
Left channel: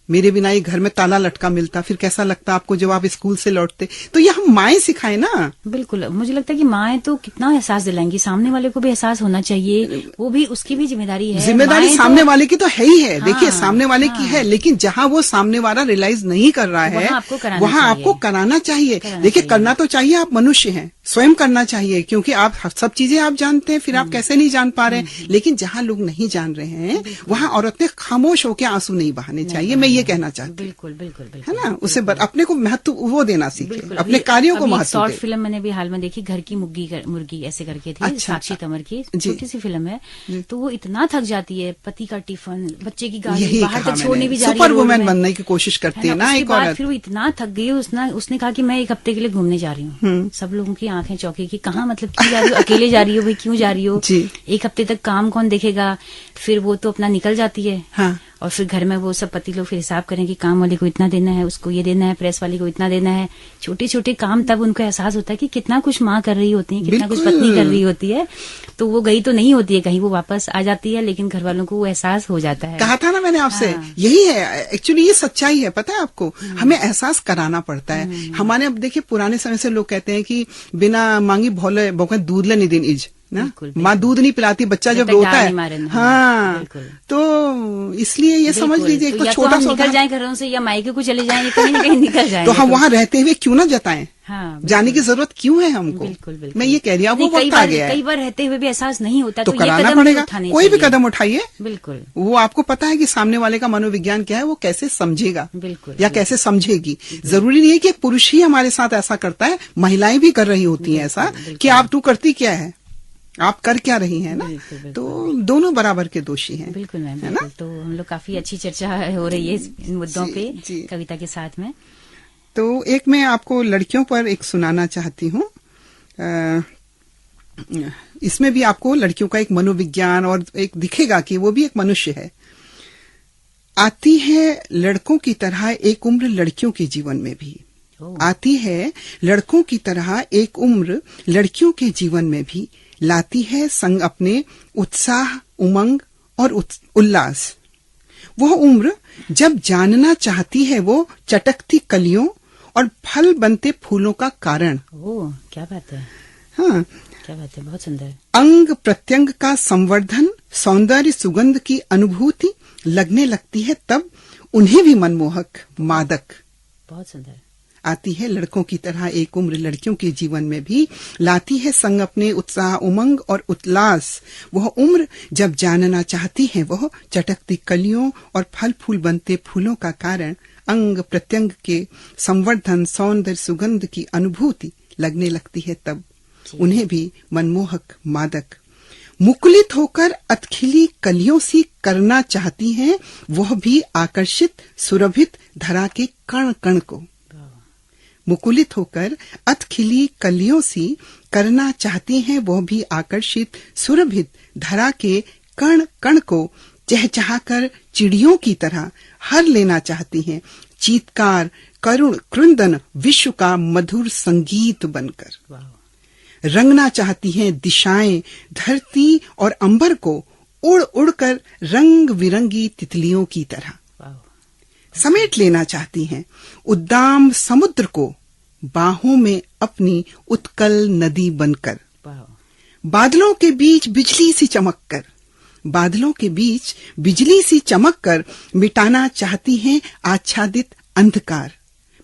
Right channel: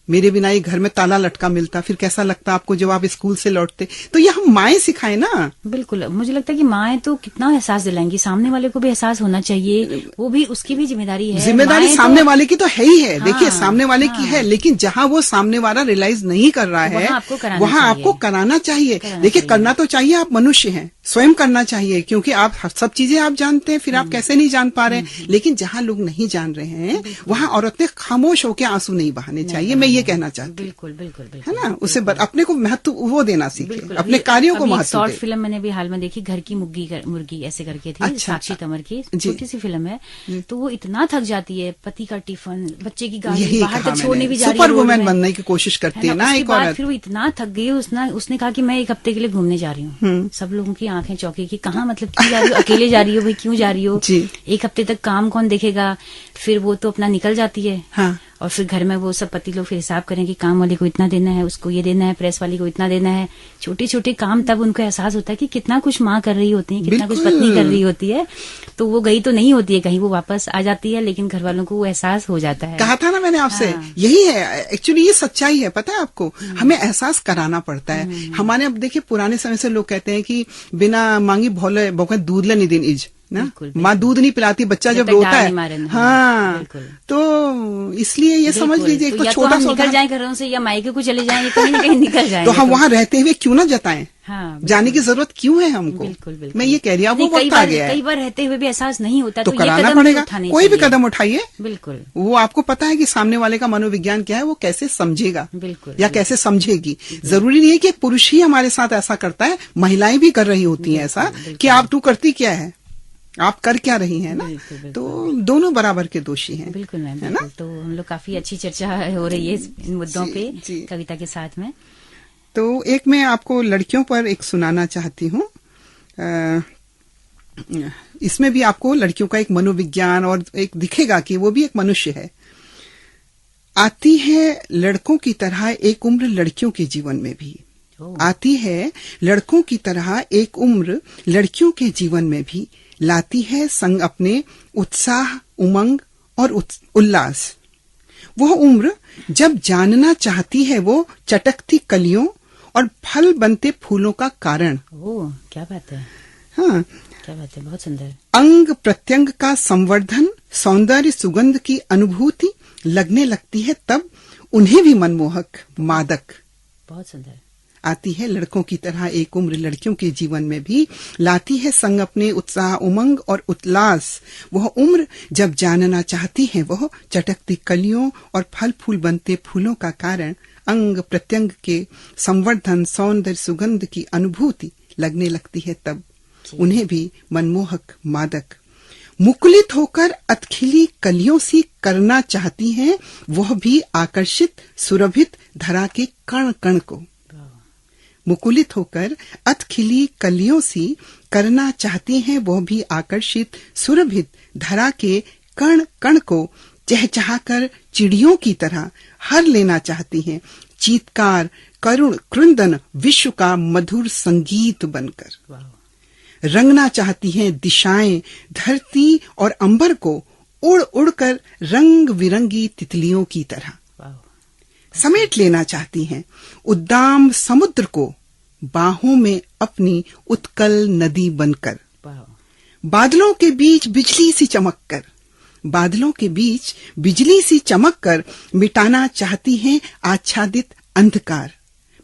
मेरे बिना ये घर में ताला लटका मिलता, फिर कैसा लगता आपको जब आप स्कूल से लौटते। तो ये हम माएं सिखाएं ना। बिल्कुल, मुझे लगता है कि माएं तो कितना एहसास दिलाएंगी, सामने वाले को भी एहसास होना चाहिए, वो भी उसकी भी जिम्मेदारी है। जिम्मेदारी सामने वाले की तो है ही है। देखिए सामने वाले की है, लेकिन जहाँ वो सामने वाला रियलाइज नहीं कर रहा है वहाँ आपको कराना चाहिए। देखिए करना तो चाहिए, आप मनुष्य हैं, स्वयं करना चाहिए, क्योंकि आप सब चीजें आप जानते हैं, फिर आप कैसे नहीं जान पा रहे हैं। लेकिन जहाँ लोग नहीं जान रहे हैं वहाँ औरत ने खामोश होकर आंसू नहीं बहाने चाहिए, मैं ये कहना चाहती हूँ। बिल्कुल है ना, उसे अपने को महत्व वो देना सीखे, अपने कार्यों को महत्व। शॉर्ट फिल्म मैंने भी हाल में देखी, घर की मुर्गी ऐसे करके थी। अच्छा, साक्षी तंवर की छोटी सी फिल्म है। तो वो इतना थक जाती है, पति का टिफिन, बच्चे की गाड़ी बाहर तक छोड़ने भी जा रही है, सुपर वुमेन बनने की कोशिश करती है ना एक औरत। फिर वो इतना थक गई, उसने कहा कि मैं एक हफ्ते के लिए घूमने जा रही हूँ। सब लोगों की आंखें चौंकी कि कहाँ, मतलब क्यों जा रही हो, अकेले जा रही हो भाई, क्यों जा रही हो, एक हफ्ते तक काम कौन देखेगा। फिर वो तो अपना निकल जाती है। हाँ। और फिर घर में वो सब पति लोग फिर हिसाब करें कि काम वाले को इतना देना है, उसको ये देना है, प्रेस वाली को इतना देना है, छोटे छोटे काम। तब उनको एहसास होता है कि कितना कुछ माँ कर रही होती है, कितना कुछ पत्नी कर रही होती है। तो वो गई तो नहीं होती है कहीं, वो वापस आ जाती है, लेकिन घर वालों को वो एहसास हो जाता है। कहा था ना मैंने आपसे, यही है एक्चुअली, ये सच्चाई है। पता है आपको, हमें एहसास कराना पड़ता है। हमारे अब देखिए पुराने समय से लोग कहते हैं कि बिना मांगी भोले दूध ले निदिन इज ना, माँ दूध नहीं पिलाती, बच्चा जब रोता है। हाँ, तो इसलिए ये समझ लीजिए, तो छोटा सा निकल जाए घरों से, या मायके को चले जाएंगे, कहीं ना कहीं निकल जाएंगे। तो हम वहाँ रहते हुए क्यों ना जताएं? हाँ, जाने की जरूरत क्यों है हमको? बिल्कुल। मैं ये कह रही हूँ, वो वक्त आ गया है। कई बार रहते हुए भी एहसास नहीं होता, तो कराना पड़ेगा। कोई भी कदम उठाइए, बिल्कुल, वो आपको पता है कि सामने वाले का मनोविज्ञान क्या है, वो कैसे समझेगा, बिल्कुल, या कैसे समझेगी। जरूरी नहीं है कि पुरुष ही हमारे साथ ऐसा करता है, महिलाएं भी कर रही होती है ऐसा, कि आप तू करती क्या है, आप कर क्या रही हैं ना। तो दोनों बराबर के दोषी हैं। बिल्कुल मैम, है ना। तो हम लोग काफी अच्छी चर्चा हो रही है इन मुद्दों पे कविता के साथ में। तो एक मैं आपको लड़कियों पर एक सुनाना चाहती हूँ। इसमें भी आपको लड़कियों का एक मनोविज्ञान और एक दिखेगा कि वो भी एक मनुष्य है। आती है लड़कों की तरह एक उम्र लड़कियों के जीवन में भी, आती है लड़कों की तरह एक उम्र लड़कियों के जीवन में भी, लाती है संग अपने उत्साह, उमंग और उल्लास। वह उम्र जब जानना चाहती है वो चटकती कलियों और फल बनते फूलों का कारण। ओह, क्या बात है। हाँ, क्या बात है, बहुत सुंदर। अंग प्रत्यंग का संवर्धन, सौंदर्य सुगंध की अनुभूति लगने लगती है तब उन्हें भी मनमोहक मादक बहुत सुंदर आती है। लड़कों की तरह एक उम्र लड़कियों के जीवन में भी लाती है संग अपने उत्साह, उमंग और उल्लास। वह उम्र जब जानना चाहती है वह चटकती कलियों और फल फूल बनते फूलों का कारण, अंग प्रत्यंग के संवर्धन, सौंदर्य सुगंध की अनुभूति लगने लगती है तब उन्हें भी मनमोहक मादक। मुकुलित होकर अतखिली कलियों सी करना चाहती हैं वह भी आकर्षित सुरभित धरा के कण कण को। मुकुलित होकर अतखिली कलियों सी करना चाहती हैं वह भी आकर्षित सुरभित धरा के कण कण को चहचहाकर चिड़ियों की तरह हर लेना चाहती हैं, चीत्कार करुण क्रुंदन विश्व का मधुर संगीत बनकर। रंगना चाहती हैं दिशाएं धरती और अंबर को उड़ उड़कर रंग बिरंगी तितलियों की तरह। समेट लेना चाहती हैं उद्दाम समुद्र को बाहों में अपनी उत्कल नदी बनकर। बादलों के बीच बिजली सी चमककर, बादलों के बीच बिजली सी चमककर मिटाना चाहती हैं आच्छादित अंधकार।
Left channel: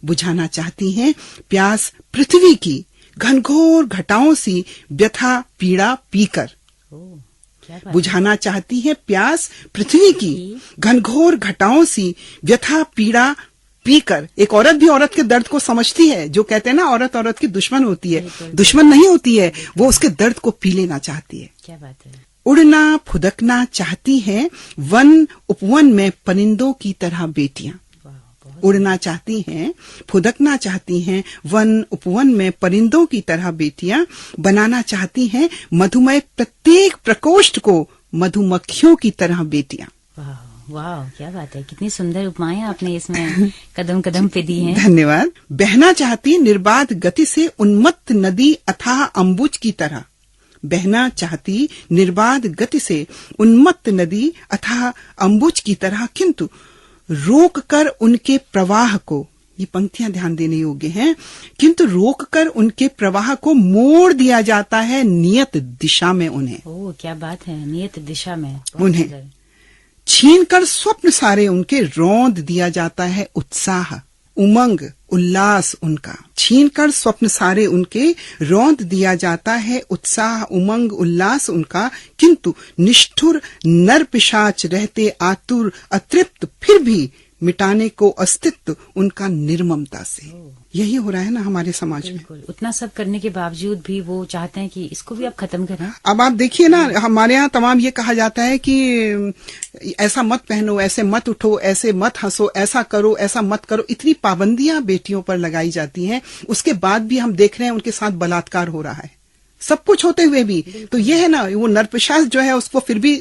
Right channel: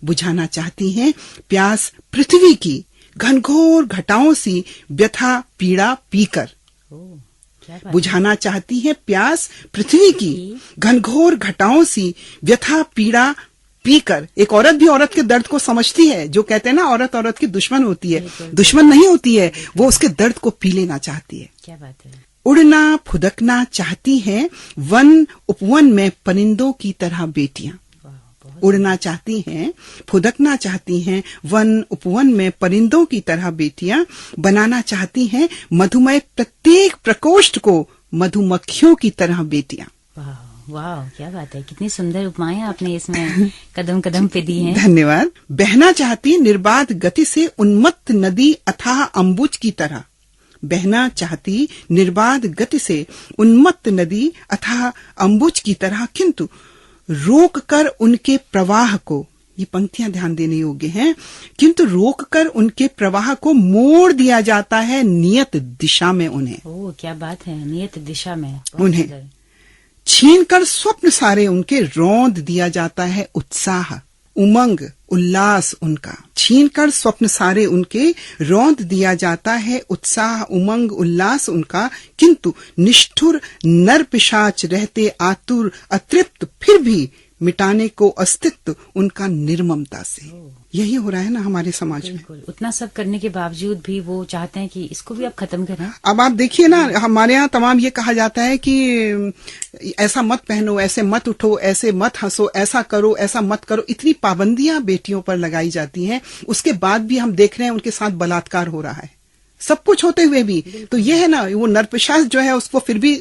बुझाना चाहती हैं प्यास पृथ्वी की घनघोर घटाओं सी व्यथा पीड़ा पीकर। बुझाना चाहती है प्यास पृथ्वी की घनघोर घटाओं सी व्यथा पीड़ा पीकर। एक औरत भी औरत के दर्द को समझती है। जो कहते हैं ना औरत औरत की दुश्मन होती है, दुश्मन नहीं होती है, वो उसके दर्द को पी लेना चाहती है। क्या बात है। उड़ना फुदकना चाहती हैं वन उपवन में परिंदों की तरह बेटियां। उड़ना चाहती हैं, फुदकना चाहती हैं वन उपवन में परिंदों की तरह बेटियां। बनाना चाहती हैं मधुमय प्रत्येक प्रकोष्ठ को मधुमक्खियों की तरह बेटियां। वाह, क्या बात है। कितनी सुंदर उपमाएं आपने इसमें कदम कदम पे दी हैं। धन्यवाद। बहना चाहती निर्बाध गति से उन्मत्त नदी अथाह अम्बुज की तरह। बहना चाहती निर्बाध गति से उन्मत्त नदी अथाह अम्बुज की तरह, किंतु रोक कर उनके प्रवाह को, ये पंक्तियां ध्यान देने योग्य हैं, किंतु रोक कर उनके प्रवाह को मोड़ दिया जाता है नियत दिशा में उन्हें। ओह, क्या बात है, नियत दिशा में उन्हें छीनकर स्वप्न सारे उनके रौंद दिया जाता है उत्साह उमंग उल्लास उनका। छीनकर स्वप्न सारे उनके रौंद दिया जाता है उत्साह उमंग उल्लास उनका, किंतु निष्ठुर नर पिशाच रहते आतुर अतृप्त फिर भी मिटाने को अस्तित्व उनका निर्ममता से। यही हो रहा है ना हमारे समाज में। उतना सब करने के बावजूद भी वो चाहते हैं कि इसको भी आप खत्म करें। अब आप देखिए ना, हमारे यहाँ तमाम ये कहा जाता है कि ऐसा मत पहनो, ऐसे मत उठो, ऐसे मत हंसो, ऐसा करो, ऐसा मत करो। इतनी पाबंदियां बेटियों पर लगाई जाती हैं, उसके बाद भी हम देख रहे हैं उनके साथ बलात्कार हो रहा है, सब कुछ होते हुए भी। तो ये है ना, वो नरपिशाच जो है उसको फिर भी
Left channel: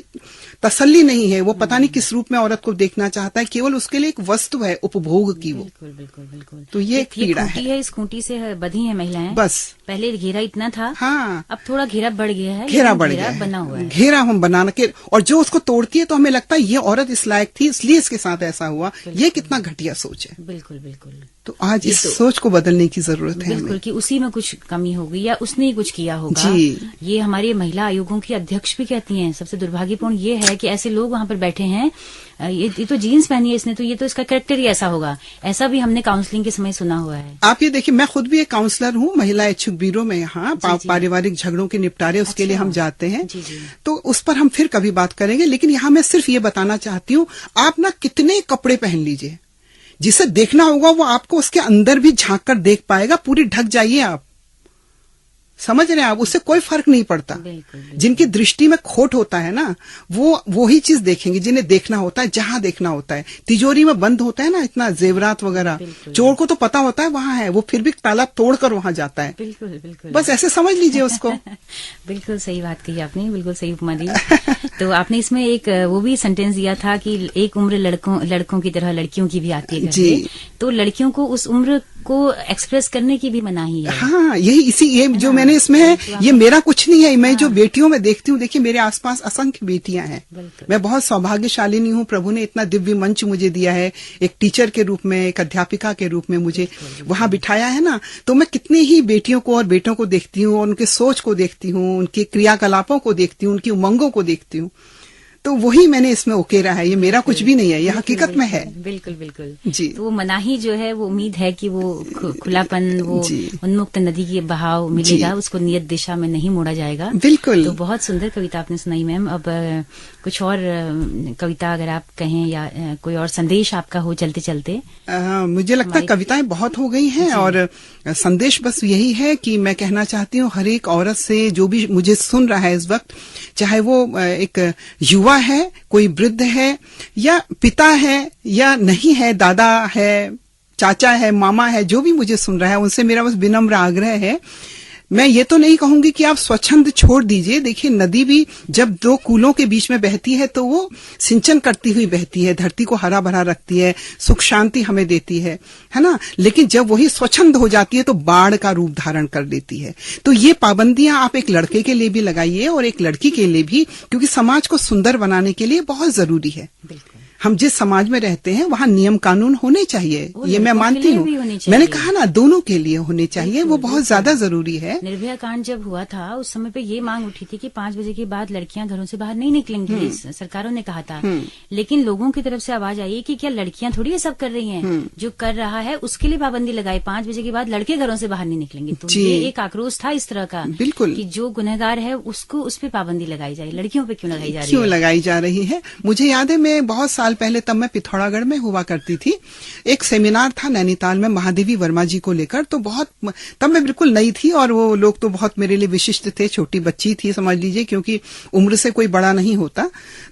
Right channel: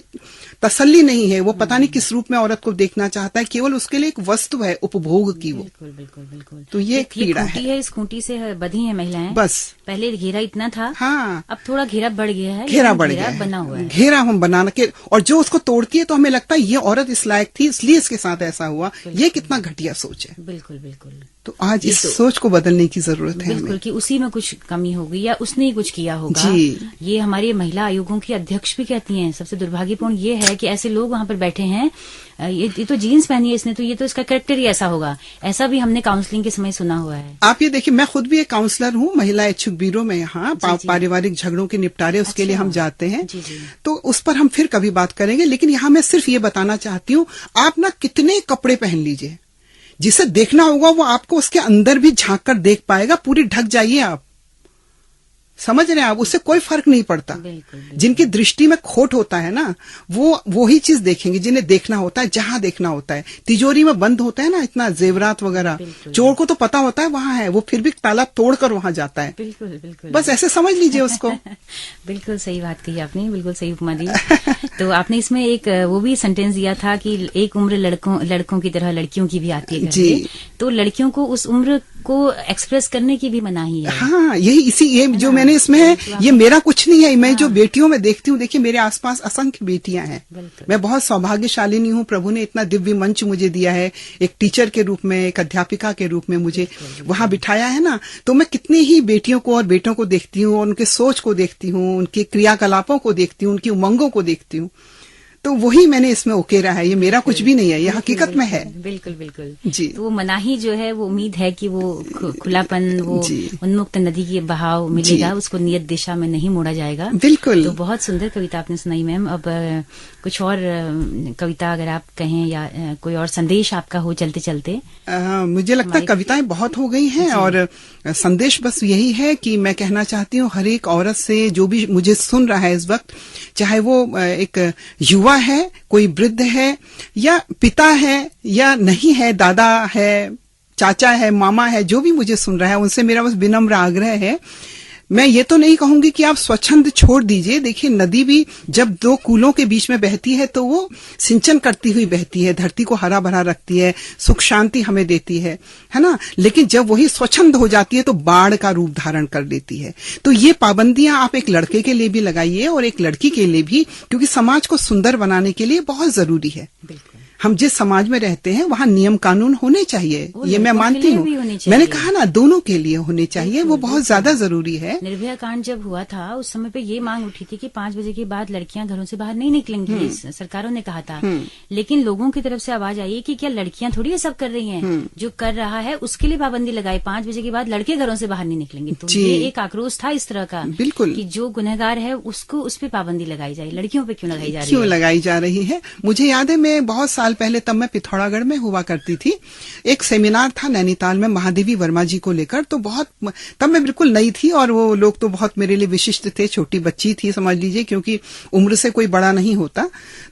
तसल्ली नहीं है। वो पता नहीं किस रूप में औरत को देखना चाहता है, केवल उसके लिए एक वस्तु है उपभोग की वो। बिल्कुल बिल्कुल बिल्कुल। तो ये एक पीड़ा है। इस खूंटी से बधी है महिलाएं। बस पहले घेरा इतना था, हाँ, अब थोड़ा घेरा बढ़ गया है। घेरा बढ़ गया बना हुआ है। घेरा हम बनाने के, और जो उसको तोड़ती है तो हमें लगता है ये औरत इस लायक थी इसलिए इसके साथ ऐसा हुआ। ये कितना घटिया सोच है। बिल्कुल बिल्कुल। तो आज इस सोच को बदलने की जरूरत है बिल्कुल, कि उसी में कुछ कमी होगी या उसने ही कुछ किया होगा। जी। ये हमारी महिला आयोगों की अध्यक्ष भी कहती हैं, सबसे दुर्भाग्यपूर्ण ये है कि ऐसे लोग वहां पर बैठे हैं। ये तो जीन्स पहनी है इसने, तो ये तो इसका कैरेक्टर ही ऐसा होगा। ऐसा भी हमने काउंसलिंग के समय सुना हुआ है। आप ये देखिए, मैं खुद भी एक काउंसलर हूँ महिला इच्छुक ब्यूरो में। यहाँ पारिवारिक झगड़ों के निपटारे उसके लिए हम जाते हैं। तो उस पर हम फिर कभी बात करेंगे, लेकिन यहाँ मैं सिर्फ ये बताना चाहती हूँ, आप ना कितने कपड़े पहन लीजिए, जिसे देखना होगा वो आपको उसके अंदर भी झांक कर देख पाएगा। पूरी ढक जाइए आप, समझ रहे हैं आप, उससे कोई फर्क नहीं पड़ता। जिनकी दृष्टि में खोट होता है ना, वो ही चीज देखेंगे जिन्हें देखना होता है, जहां देखना होता है। तिजोरी में बंद होता है ना इतना जेवरात वगैरह, चोर को तो पता होता है वहां है, वो फिर भी ताला तोड़कर वहां जाता है। बिल्कुल बिल्कुल, बस ऐसे समझ लीजिए उसको। बिल्कुल सही बात कही आपने, बिल्कुल सही उपमा दी। तो आपने इसमें एक वो भी सेंटेंस दिया था कि एक उम्र लड़कों की तरह लड़कियों की भी आती है जी। तो लड़कियों को उस उम्र को एक्सप्रेस करने की भी मनाही है। हाँ, यही इसी ये जो मैंने इसमें है, ये मेरा कुछ नहीं है। मैं जो बेटियों में देखती हूँ, देखिए मेरे आसपास असंख्य बेटियां हैं। मैं बहुत सौभाग्यशालिनी हूँ। प्रभु ने इतना दिव्य मंच मुझे दिया है, एक टीचर के रूप में, एक अध्यापिका के रूप में मुझे वहां बिठाया है ना। तो मैं कितनी ही बेटियों को और बेटों को देखती हूँ, उनके सोच को देखती हूँ, उनके क्रियाकलापों को देखती हूँ, उनकी उमंगों को देखती हूँ। तो वही मैंने इसमें उकेरा है। ये मेरा कुछ भी नहीं है, ये हकीकत में है। बिल्कुल बिल्कुल जी। तो मनाही जो है वो उम्मीद है कि वो खुलापन, वो उन्मुक्त नदी की बहाव मिलेगा, उसको नियत दिशा में नहीं मोड़ा जाएगा। बिल्कुल। तो बहुत सुंदर कविता आपने सुनाई मैम। अब कुछ और कविता अगर आप कहें या कोई और संदेश आपका हो चलते चलते। मुझे लगता है कविताएं बहुत हो गई हैं और संदेश बस यही है कि मैं कहना चाहती हूँ हर एक औरत से, जो भी मुझे सुन रहा है इस वक्त, चाहे वो एक युवा है, कोई वृद्ध है, या पिता है या नहीं है, दादा है, चाचा है, मामा है, जो भी मुझे सुन रहा है, उनसे मेरा बस विनम्र आग्रह है। मैं ये तो नहीं कहूंगी कि आप स्वच्छंद छोड़ दीजिए। देखिए, नदी भी जब दो कूलों के बीच में बहती है तो वो सिंचन करती हुई बहती है, धरती को हरा भरा रखती है, सुख शांति हमें देती है ना। लेकिन जब वही स्वच्छंद हो जाती है तो बाढ़ का रूप धारण कर लेती है। तो ये पाबंदियां आप एक लड़के के लिए भी लगाइए और एक लड़की के लिए भी, क्योंकि समाज को सुंदर बनाने के लिए बहुत जरूरी है। हम जिस समाज में रहते हैं वहाँ नियम कानून होने चाहिए, ये मैं मानती हूँ। मैंने कहा ना, दोनों के लिए होने चाहिए, वो बहुत ज्यादा जरूरी है। निर्भया कांड जब हुआ था उस समय पे ये मांग उठी थी कि 5 बजे के बाद लड़कियां घरों से बाहर नहीं निकलेंगी, सरकारों ने कहा था। लेकिन लोगों की तरफ से आवाज आई कि क्या लड़कियां थोड़ी ये सब कर रही हैं, जो कर रहा है उसके लिए पाबंदी लगाई, 5 बजे के बाद लड़के घरों से बाहर नहीं निकलेंगे। तो ये एक आक्रोश था इस तरह का, बिल्कुल, कि जो गुनहगार है उसको उस पर पाबंदी लगाई जाए, लड़कियों पे क्यों लगाई जा रही है, क्यों लगाई जा रही है। मुझे याद है, मैं बहुत साल पहले, तब मैं पिथौरागढ़ में हुआ करती थी, एक सेमिनार था नैनीताल में महादेवी वर्मा जी को लेकर। तो बहुत, तब मैं बिल्कुल नई थी और वो लोग तो बहुत मेरे लिए विशिष्ट थे, छोटी बच्ची थी समझ लीजिए, क्योंकि उम्र से कोई बड़ा नहीं होता।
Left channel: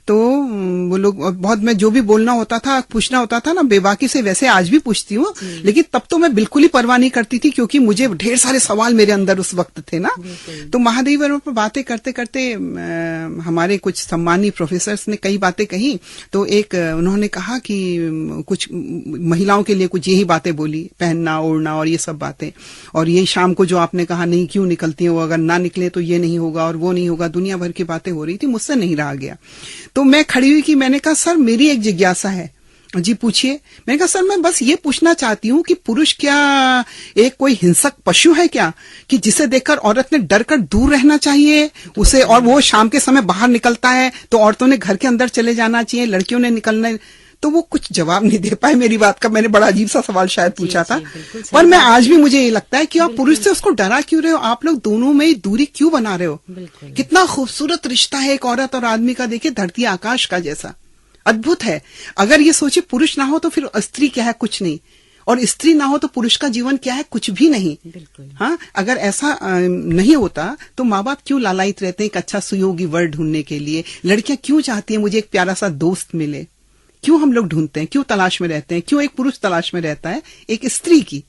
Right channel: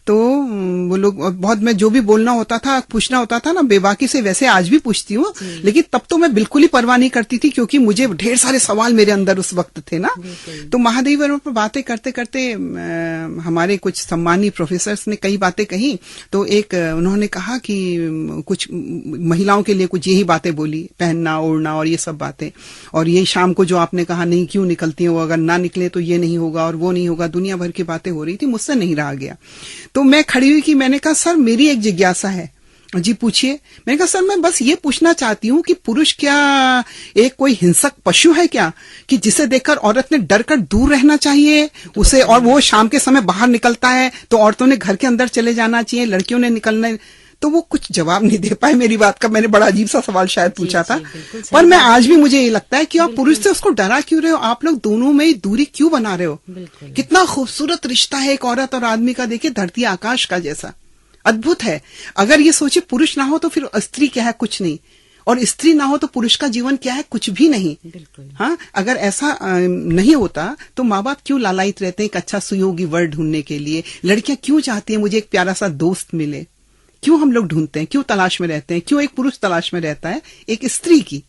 तो वो लोग बहुत, मैं जो भी बोलना होता था, पूछना होता था ना, बेबाकी से, वैसे आज भी पूछती हूँ, लेकिन तब तो मैं बिल्कुल ही परवाह नहीं करती थी, क्योंकि मुझे ढेर सारे सवाल मेरे अंदर उस वक्त थे ना। तो महादेवी वर्मा पर बातें करते करते हमारे कुछ सम्मानीय प्रोफेसर्स ने कई बातें कही। तो एक उन्होंने कहा कि कुछ महिलाओं के लिए कुछ यही बातें बोली, पहनना ओढ़ना और ये सब बातें, और ये शाम को जो आपने कहा नहीं क्यों निकलती हो, अगर ना निकले तो ये नहीं होगा और वो नहीं होगा, दुनिया भर की बातें हो रही थी, मुझसे नहीं रहा गया। तो मैं खड़ी हुई कि मैंने कहा, सर मेरी एक जिज्ञासा है। जी पूछिए। मैंने कहा, सर मैं बस ये पूछना चाहती हूँ कि पुरुष क्या एक कोई हिंसक पशु है क्या, कि जिसे देखकर औरत ने डर कर दूर रहना चाहिए उसे, और वो शाम के समय बाहर निकलता है तो औरतों ने घर के अंदर चले जाना चाहिए, लड़कियों ने निकलना। तो वो कुछ जवाब नहीं दे पाए मेरी बात का। मैंने बड़ा अजीब सा सवाल शायद पूछा था, पर मैं आज भी, मुझे ये लगता है कि आप पुरुष से उसको डरा क्यों रहे हो, आप लोग दोनों में दूरी क्यों बना रहे हो। कितना खूबसूरत रिश्ता है एक औरत और आदमी का, देखिए धरती आकाश का जैसा अद्भुत है। अगर ये सोचे पुरुष ना हो तो फिर स्त्री क्या है, कुछ नहीं, और स्त्री ना हो तो पुरुष का जीवन क्या है, कुछ भी नहीं। हाँ, अगर ऐसा नहीं होता तो माँ बाप क्यों लालायित रहते हैं एक अच्छा सुयोगी वर ढूंढने के लिए, लड़कियां क्यों चाहती है मुझे एक प्यारा सा दोस्त मिले, क्यों हम लोग ढूंढते हैं, क्यों तलाश में रहते हैं, क्यों एक पुरुष तलाश में रहता है एक स्त्री की।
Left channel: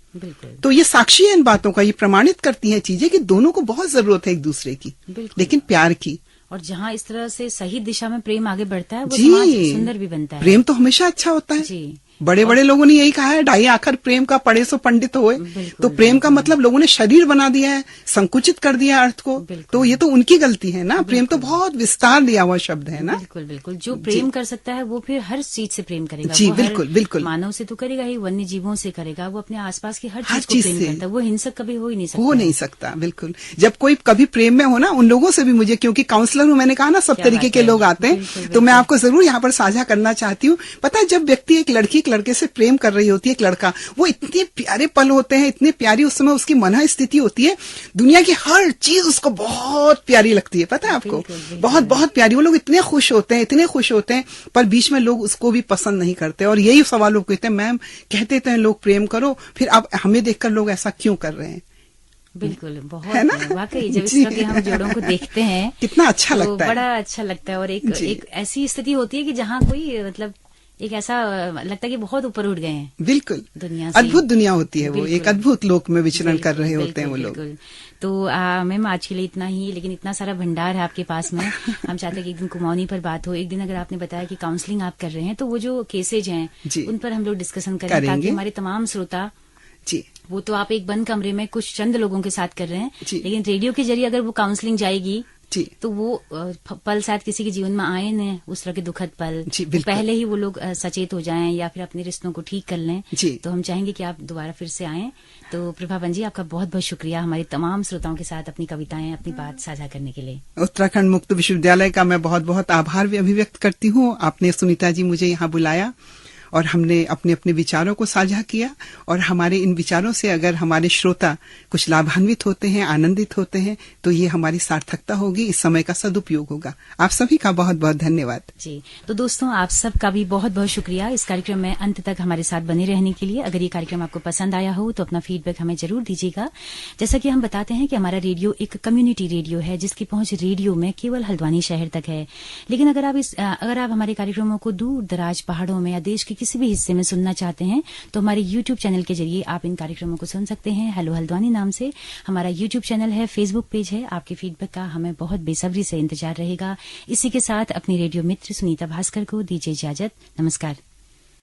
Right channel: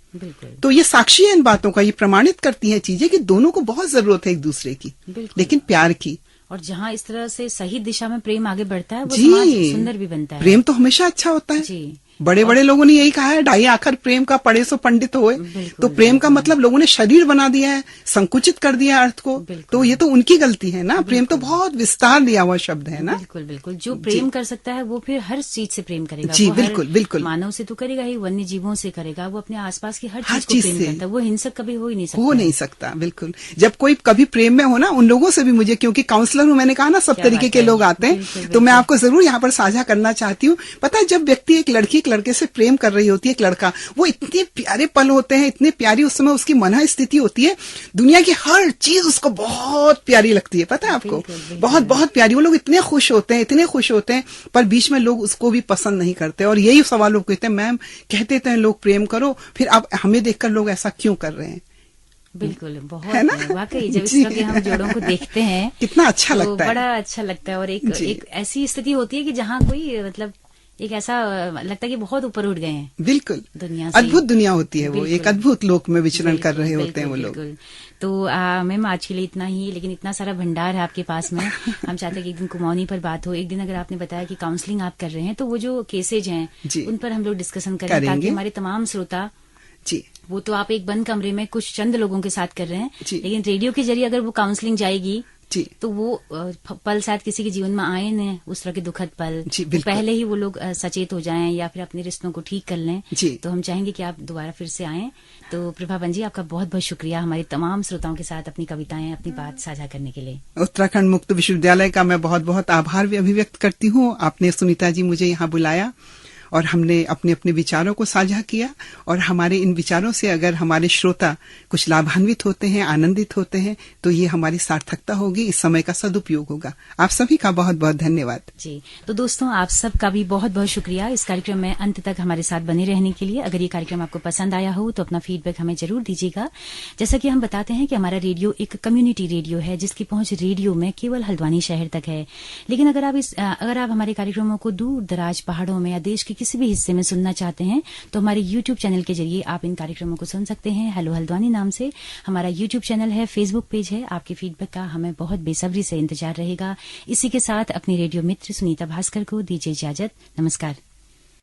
तो ये साक्षी है इन बातों का, ये प्रमाणित करती हैं चीजें कि दोनों को बहुत जरूरत है एक दूसरे की, लेकिन प्यार की। और जहाँ इस तरह से सही दिशा में प्रेम आगे बढ़ता है वो समाज सुंदर भी बनता है। प्रेम तो हमेशा अच्छा होता है जी। बड़े बड़े लोगों ने यही कहा है, ढाई आखर प्रेम का पढ़े सो पंडित होए। तो प्रेम का मतलब लोगों ने शरीर बना दिया है, संकुचित कर दिया अर्थ को, तो ये तो उनकी गलती है ना। प्रेम तो बहुत विस्तार दिया हुआ शब्द है ना। बिल्कुल बिल्कुल, जो प्रेम कर सकता है वो फिर हर चीज से प्रेम करेगा। जी बिल्कुल बिल्कुल, मानव से तो करेगा ही, वन्य जीवों से करेगा, वो अपने आसपास की हर चीज को प्रेम करता है, वो हिंसक कभी हो ही नहीं सकता। हो नहीं सकता, बिल्कुल। जब कोई कभी प्रेम में हो ना, उन लोगों से भी मुझे, क्योंकि काउंसलर हूँ, मैंने कहा ना सब तरीके के लोग आते हैं, तो मैं आपको जरूर यहाँ पर साझा करना चाहती हूँ। पता है, जब व्यक्ति एक लड़की एक लड़के से प्रेम कर रही होती है, एक लड़का, वो इतने प्यारे पल होते हैं, इतनी प्यारी उस समय उसकी मन स्थिति होती है, दुनिया की हर चीज उसको बहुत प्यारी लगती है। पता है आपको, बहुत बहुत प्यारी। वो लोग इतने खुश होते हैं, इतने खुश होते हैं, पर बीच में लोग उसको भी पसंद नहीं करते, और यही सवाल लोग कहते हैं, मैम कहते थे लोग प्रेम करो, फिर आप हमें देखकर लोग ऐसा क्यों कर रहे हैं। बिल्कुल, बहुत है ना, वाकई जब इस तरह के हम जोड़ों को देखते हैं कितना अच्छा लगता है, बड़ा अच्छा लगता है। और एक ऐसी स्थिति होती है कि जहाँ कोई मतलब एक ऐसा लगता है कि बहुत ऊपर उठ गए हैं बिल्कुल, दुनिया से। अद्भुत दुनिया होती है वो, एक अद्भुत लोक में विचरण कर रहे होते हैं वो लोग। तो मैम आज के लिए इतना ही, लेकिन इतना सारा भंडार है आपके पास में। हम चाहते हैं कि एक दिन कुमाऊनी पर बात हो, एक दिन अगर आपने बताया कि काउंसलिंग आप कर रहे हैं तो वो जो केसेज हैं उन पर हम लोग डिस्कशन करें, ताकि हमारे तमाम श्रोता जी, वो तो आप एक बंद कमरे में कुछ चंद लोगों के साथ कर रहे हैं, लेकिन रेडियो के जरिए अगर वो काउंसलिंग जाएगी जी, तो वो पल शायद किसी के जीवन में आए न, उस तरह के दुखद पल, तो पहले ही वो लोग सचेत हो जाएं या फिर अपने रिश्तों को ठीक कर लें। तो हम चाहेंगे कि आप दोबारा फिर से आएं। तो प्रभाबन जी, आपका बहुत बहुत शुक्रिया हमारे तमाम श्रोताओं के साथ अपनी कविताएं, अपनी बात साझा करने के लिए। उत्तराखंड मुक्त विश्वविद्यालय का मैं बहुत बहुत आभार भी अभिव्यक्त करती हूँ। आपने सुनीता जी मुझे यहाँ बुलाया और हमने अपने अपने विचारों को साझा किया, और हमारे इन विचारों से अगर हमारे श्रोता कुछ लाभान्वित होते हैं, आनंदित होते हैं, तो ये हमारी सार्थकता होगी, इस समय का सदुपयोग होगा। आप सभी का बहुत बहुत धन्यवाद जी। तो दोस्तों, आप सबका भी बहुत बहुत शुक्रिया इस कार्यक्रम में अंत तक हमारे साथ बने रहने के लिए। अगर ये कार्यक्रम आपको पसंद आया हो तो अपना फीडबैक हमें जरूर दीजिएगा। जैसा कि हम बताते हैं कि हमारा रेडियो एक कम्युनिटी रेडियो है, जिसकी पहुंच रेडियो में केवल हल्द्वानी शहर तक है। लेकिन अगर आप हमारे कार्यक्रमों को दूर दराज पहाड़ों में या देश के किसी भी हिस्से में सुनना चाहते हैं तो हमारे YouTube चैनल के जरिए आप इन कार्यक्रमों को सुन सकते हैं। हेलो हल्द्वानी नाम से हमारा YouTube चैनल है, फेसबुक पेज है। आपके फीडबैक का हमें बहुत बेसब्री से इंतजार रहेगा। इसी के साथ अपने रेडियो मित्र सुनीता भास्कर को दीजिए इजाजत। नमस्कार।